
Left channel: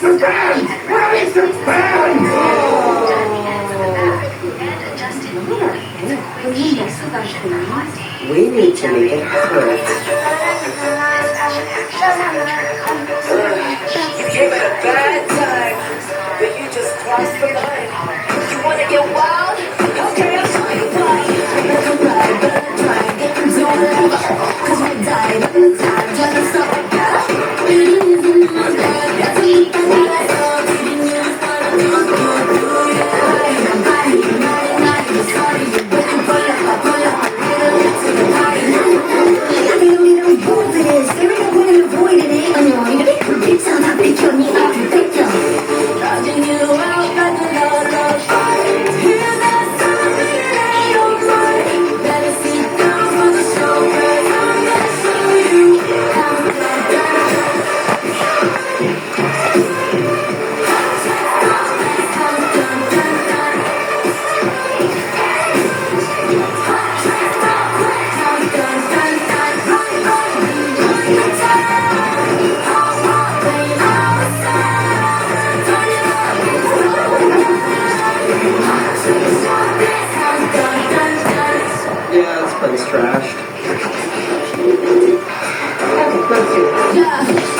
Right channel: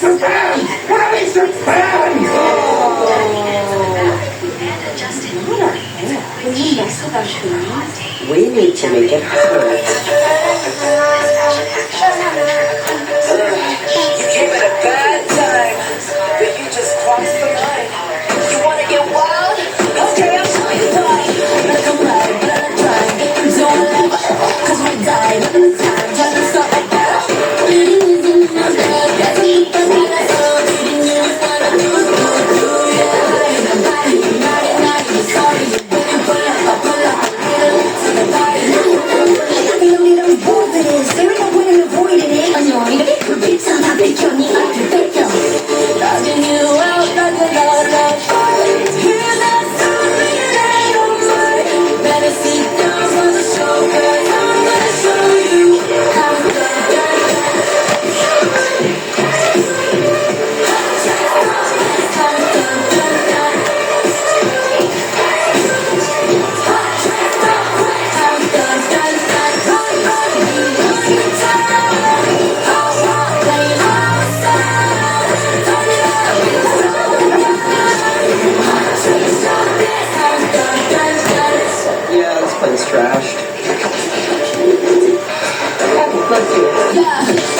The band! Where is the band? We need to make it hurt. You came at a bad time, but you just crossed the line. You wanna get wild? Okay, I'll show you why. Welcome back, better try. Don't ever, 'cause we died in the time. Just so bad. Really losing my blood. That's what you can do. Didn't you start to do? I'm riding, sorry. You better pull up. To the party. You don't need no rules in this. There ain't no way to avoid it. I'm not going to be perfect. Sometimes it's your need. I'm perfect. Loving you out like a love. Here's that story in your mind. Better sit down for the show, 'cause I'm gonna show you how to Yeah, this place trashed.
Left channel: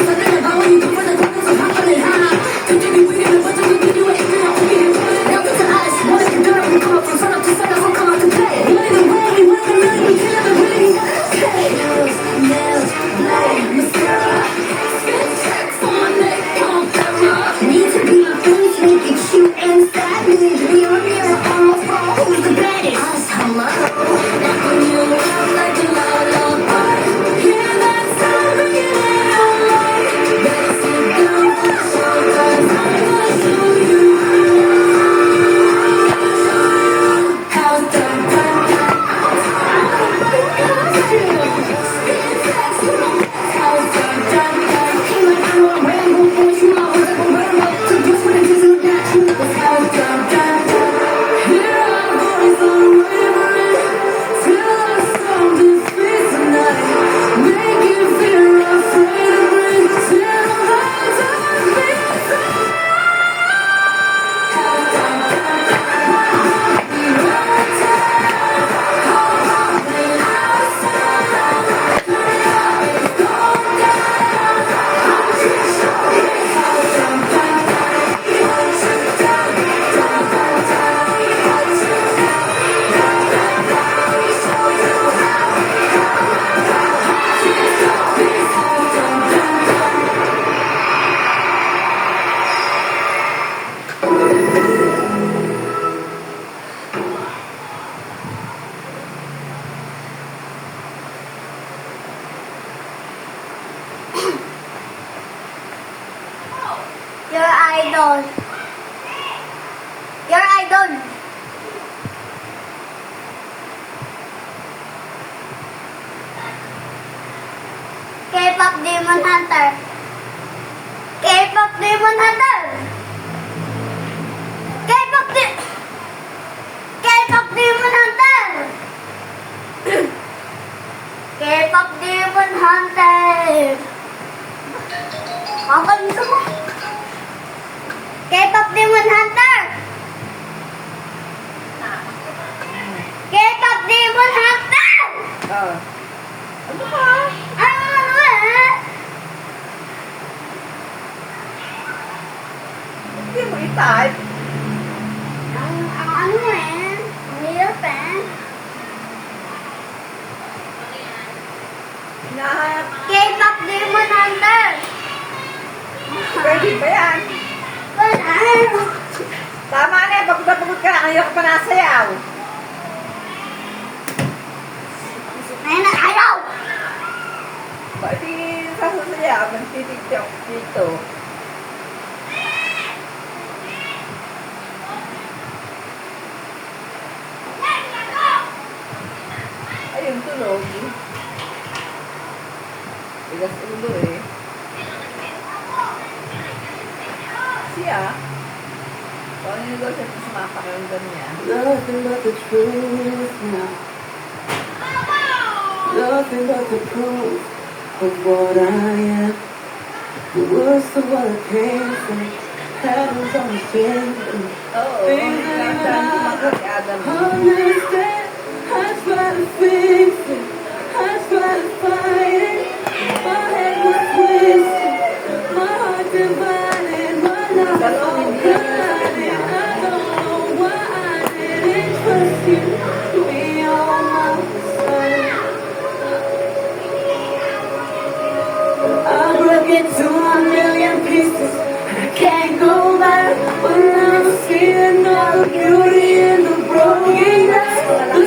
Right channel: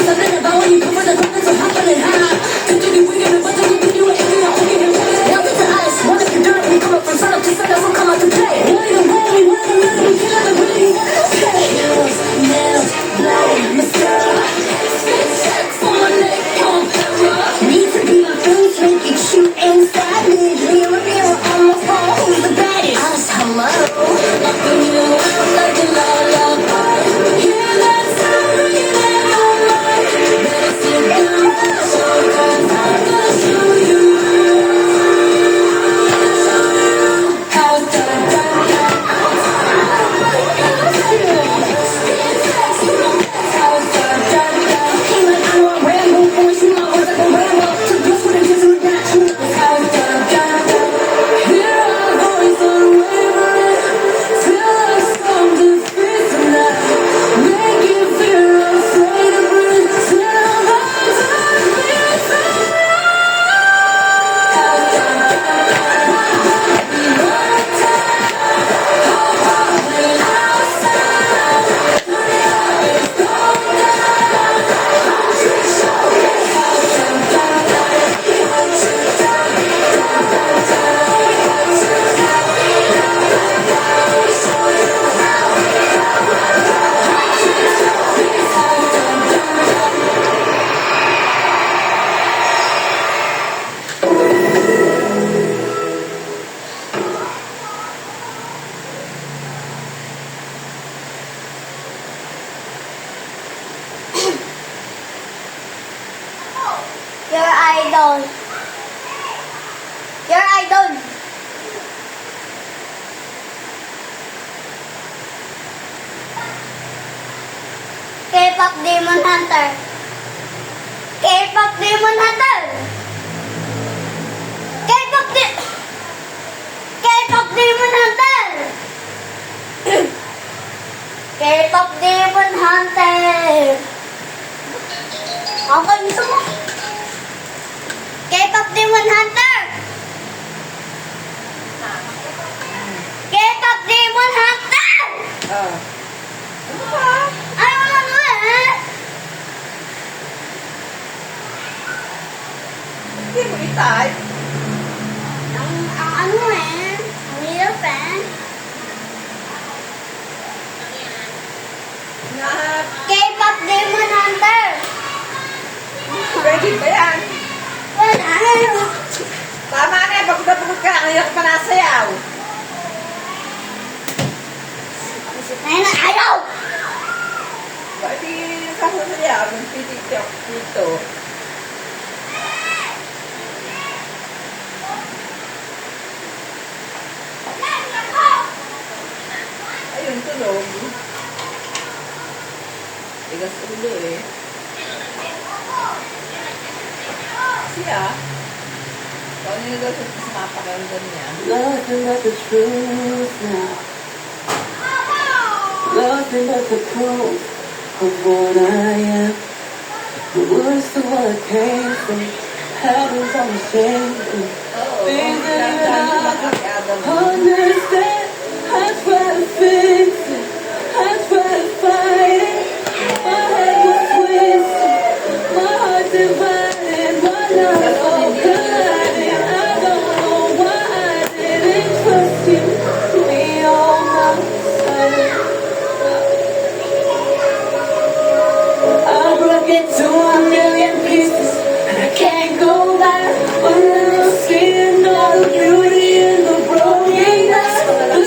something about when you go for the purpose of hopping high. Could you be reading what do we do it? Nothing to us. What if you're dirty? We come up from sun up to sun. That's what come out to play. One in the rain, we one in the middle, we kill the rain. Nails, blade, mascara. Check for my neck, pump, need to be my friends, make it shoot and savage. Mirror on my phone, who's the baddest? Us, hello. Knocking you out like a love. Hear that story in your mind. Better sit down for the show, 'cause I'm gonna show you how it's done. How it's done. Came like I'm a Rambo, boy, you know I was like a Rambo. So guess what I did to that? That's how it's done. Hear our voice unwavering. Tell us don't get free tonight. Make it feel afraid of it. Tell us how it's done. Your idol. Your idol. K-pop Demon Hunter. K-pop Demon Hunter. K-pop Demon Hunter. K-pop Demon Hunter. Ang kanito mo? K-pop Demon Hunter. K-pop Demon Hunter. Ano ba? Ano eh? Hindi mo i-type. Ang ano eh? Ang hirap eh. Na, K-pop Demon Hunter. pwede ba yan? Wala. Tama na yan, pagod na pagod ka na, ayaw ka pa nasayaw. Ayun na, ayaw. Pwede sasayaw, nagtitiktok dito. Ayun, tunog. Tigas ulo eh. Siya, Ano yung daw siya sinapakinggan niya? Nothing but the truth now. Nothing but the proof of what I am. The worst of what I came from. Heavens on the same. Oo. Lang tayo sumakit-adam. Understand, I try to fix it. I try to fight it. My head was twisted. My heart divided. My love all guided. I don't know why I didn't trust you. Be all myself. I broke into a million pieces. And I can't go back. But I'm seeing all the beauty in the brokenness. The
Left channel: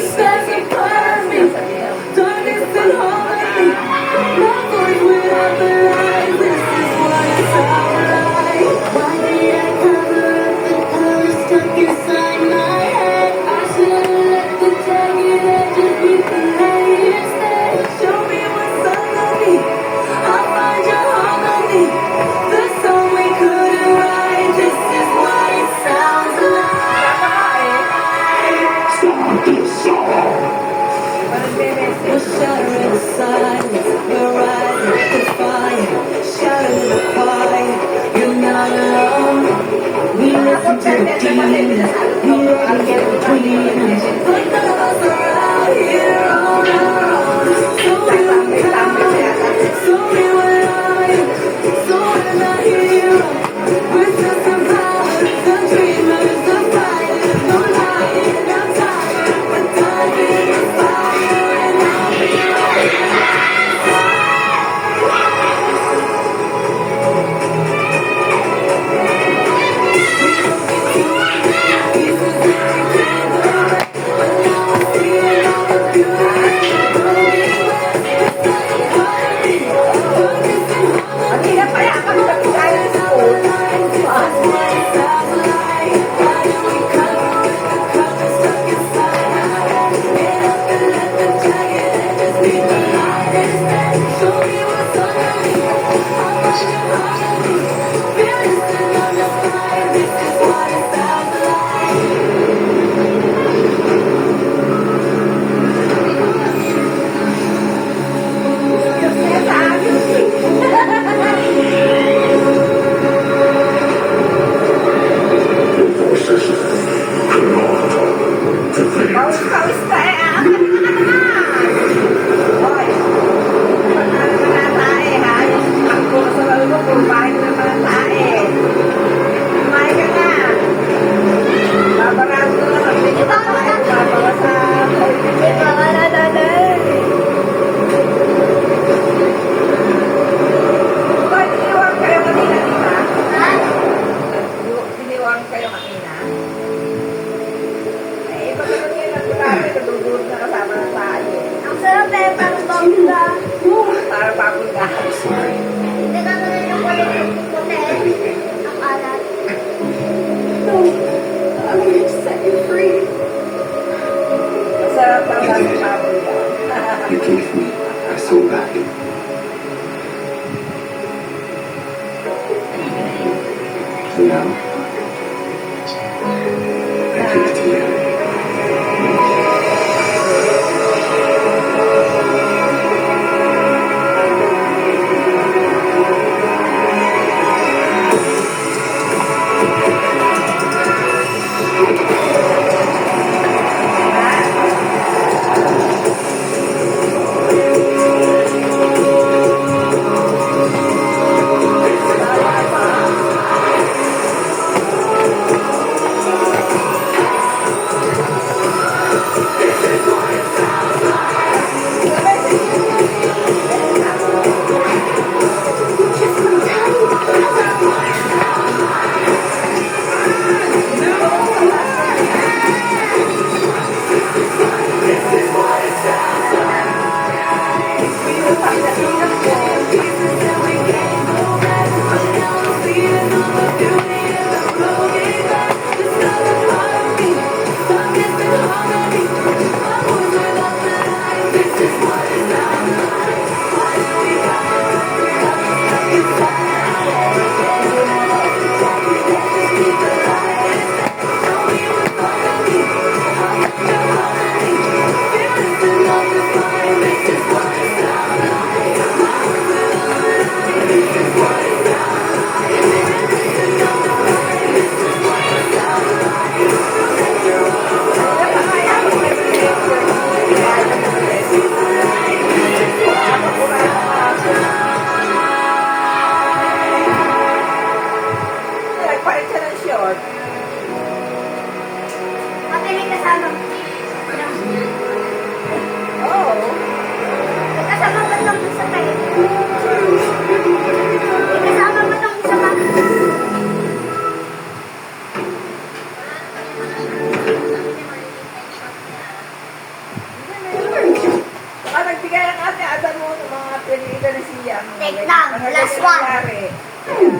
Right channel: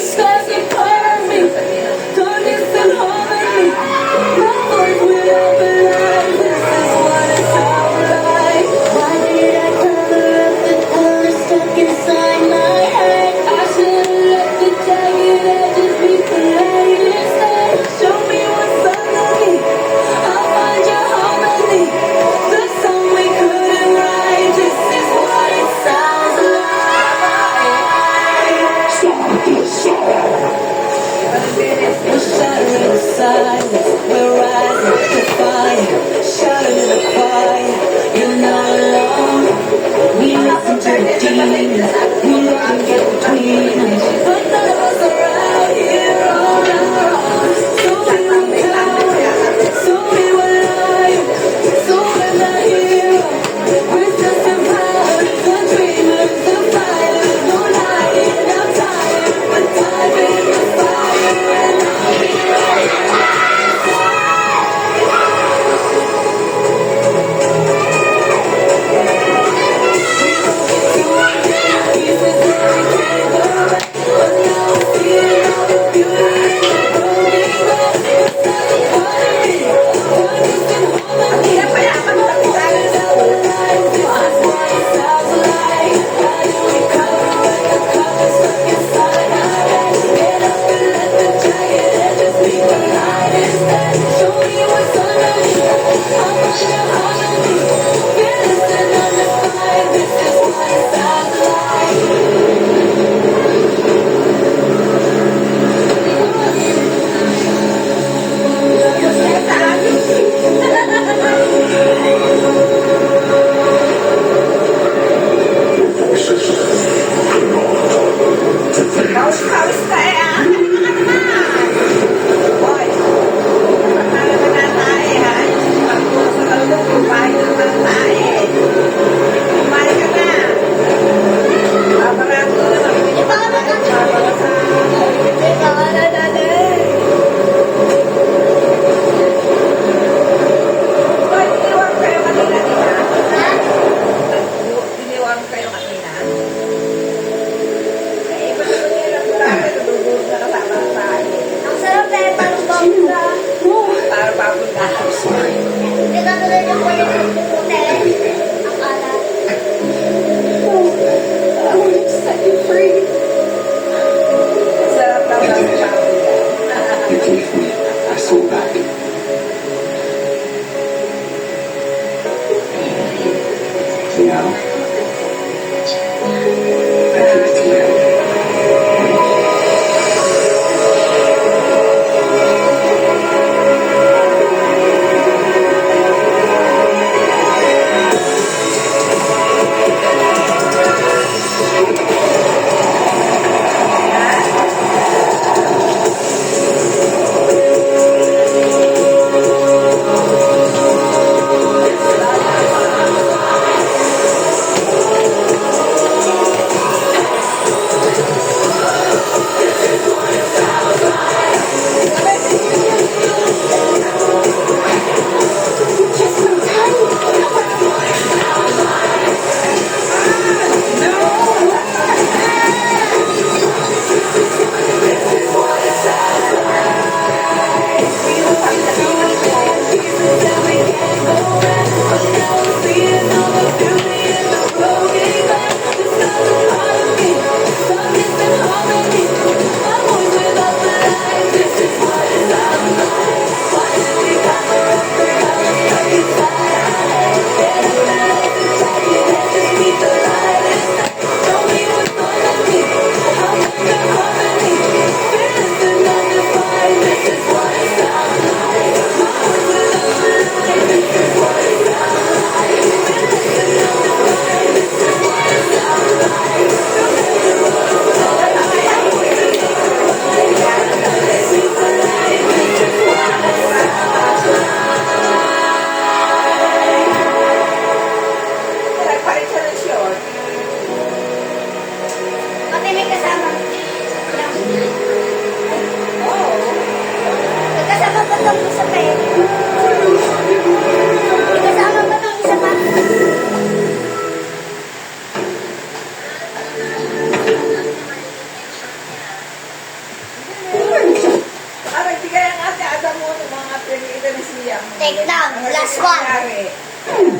lang. Last one.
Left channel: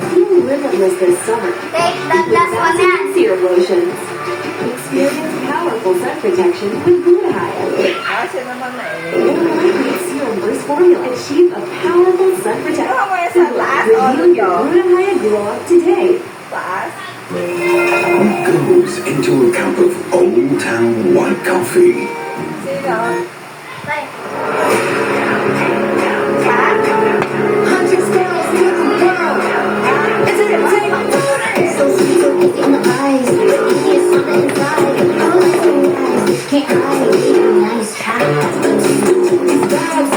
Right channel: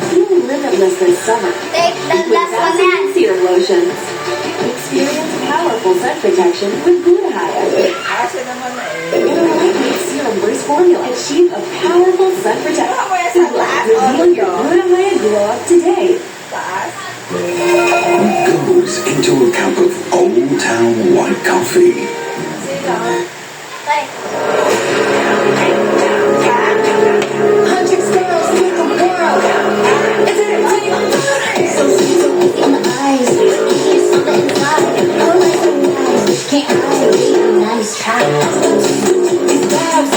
Feeling limitless this summer. Take that last one yan. Serum lotions. Experience powerful sun protection with Glutathione. Asa naman na eh. Lightweight serum burst formula. Achieve a powerful sun protection. Ano mo sa taas o Reveal your dito? Glutathione glow up today. Taas? What goes into a cup of Old Town White Coffee? Sino? Tay. Hundreds girls, beautiful girl. It's a take. So sweet, so easy in the eyes. But it's on the inside. Oh, my blue eyes. Can't hide. Be a nice try. These bags.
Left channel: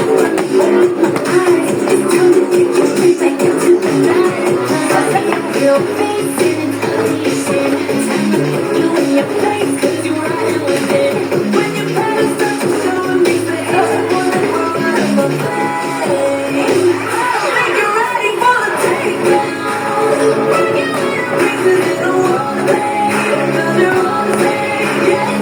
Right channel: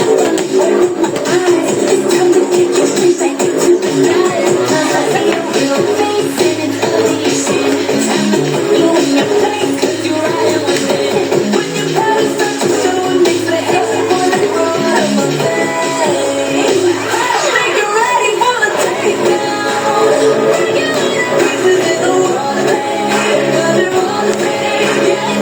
It's time to get your face back into the light. I see your real face and it's audition. Time to put you in your place 'cause you're riding with it. When your body's start to show, it makes the hell out of the face. Think you're ready for the takedown. Bring it on your pieces in the wrong thing. 'Cause you're on the stage. Yeah,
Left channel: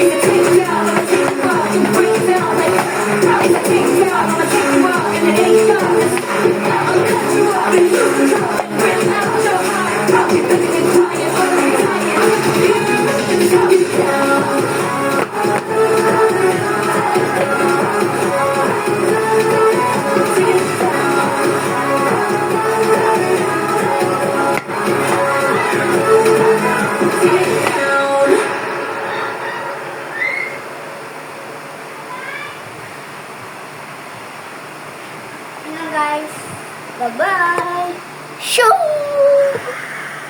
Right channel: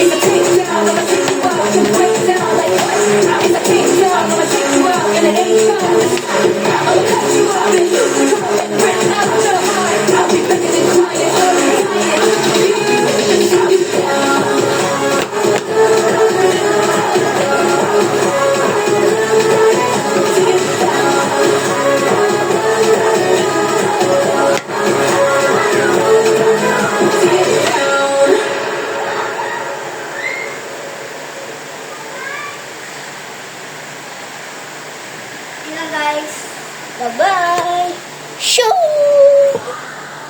it's a takedown. Guys, bye-bye. Shoo!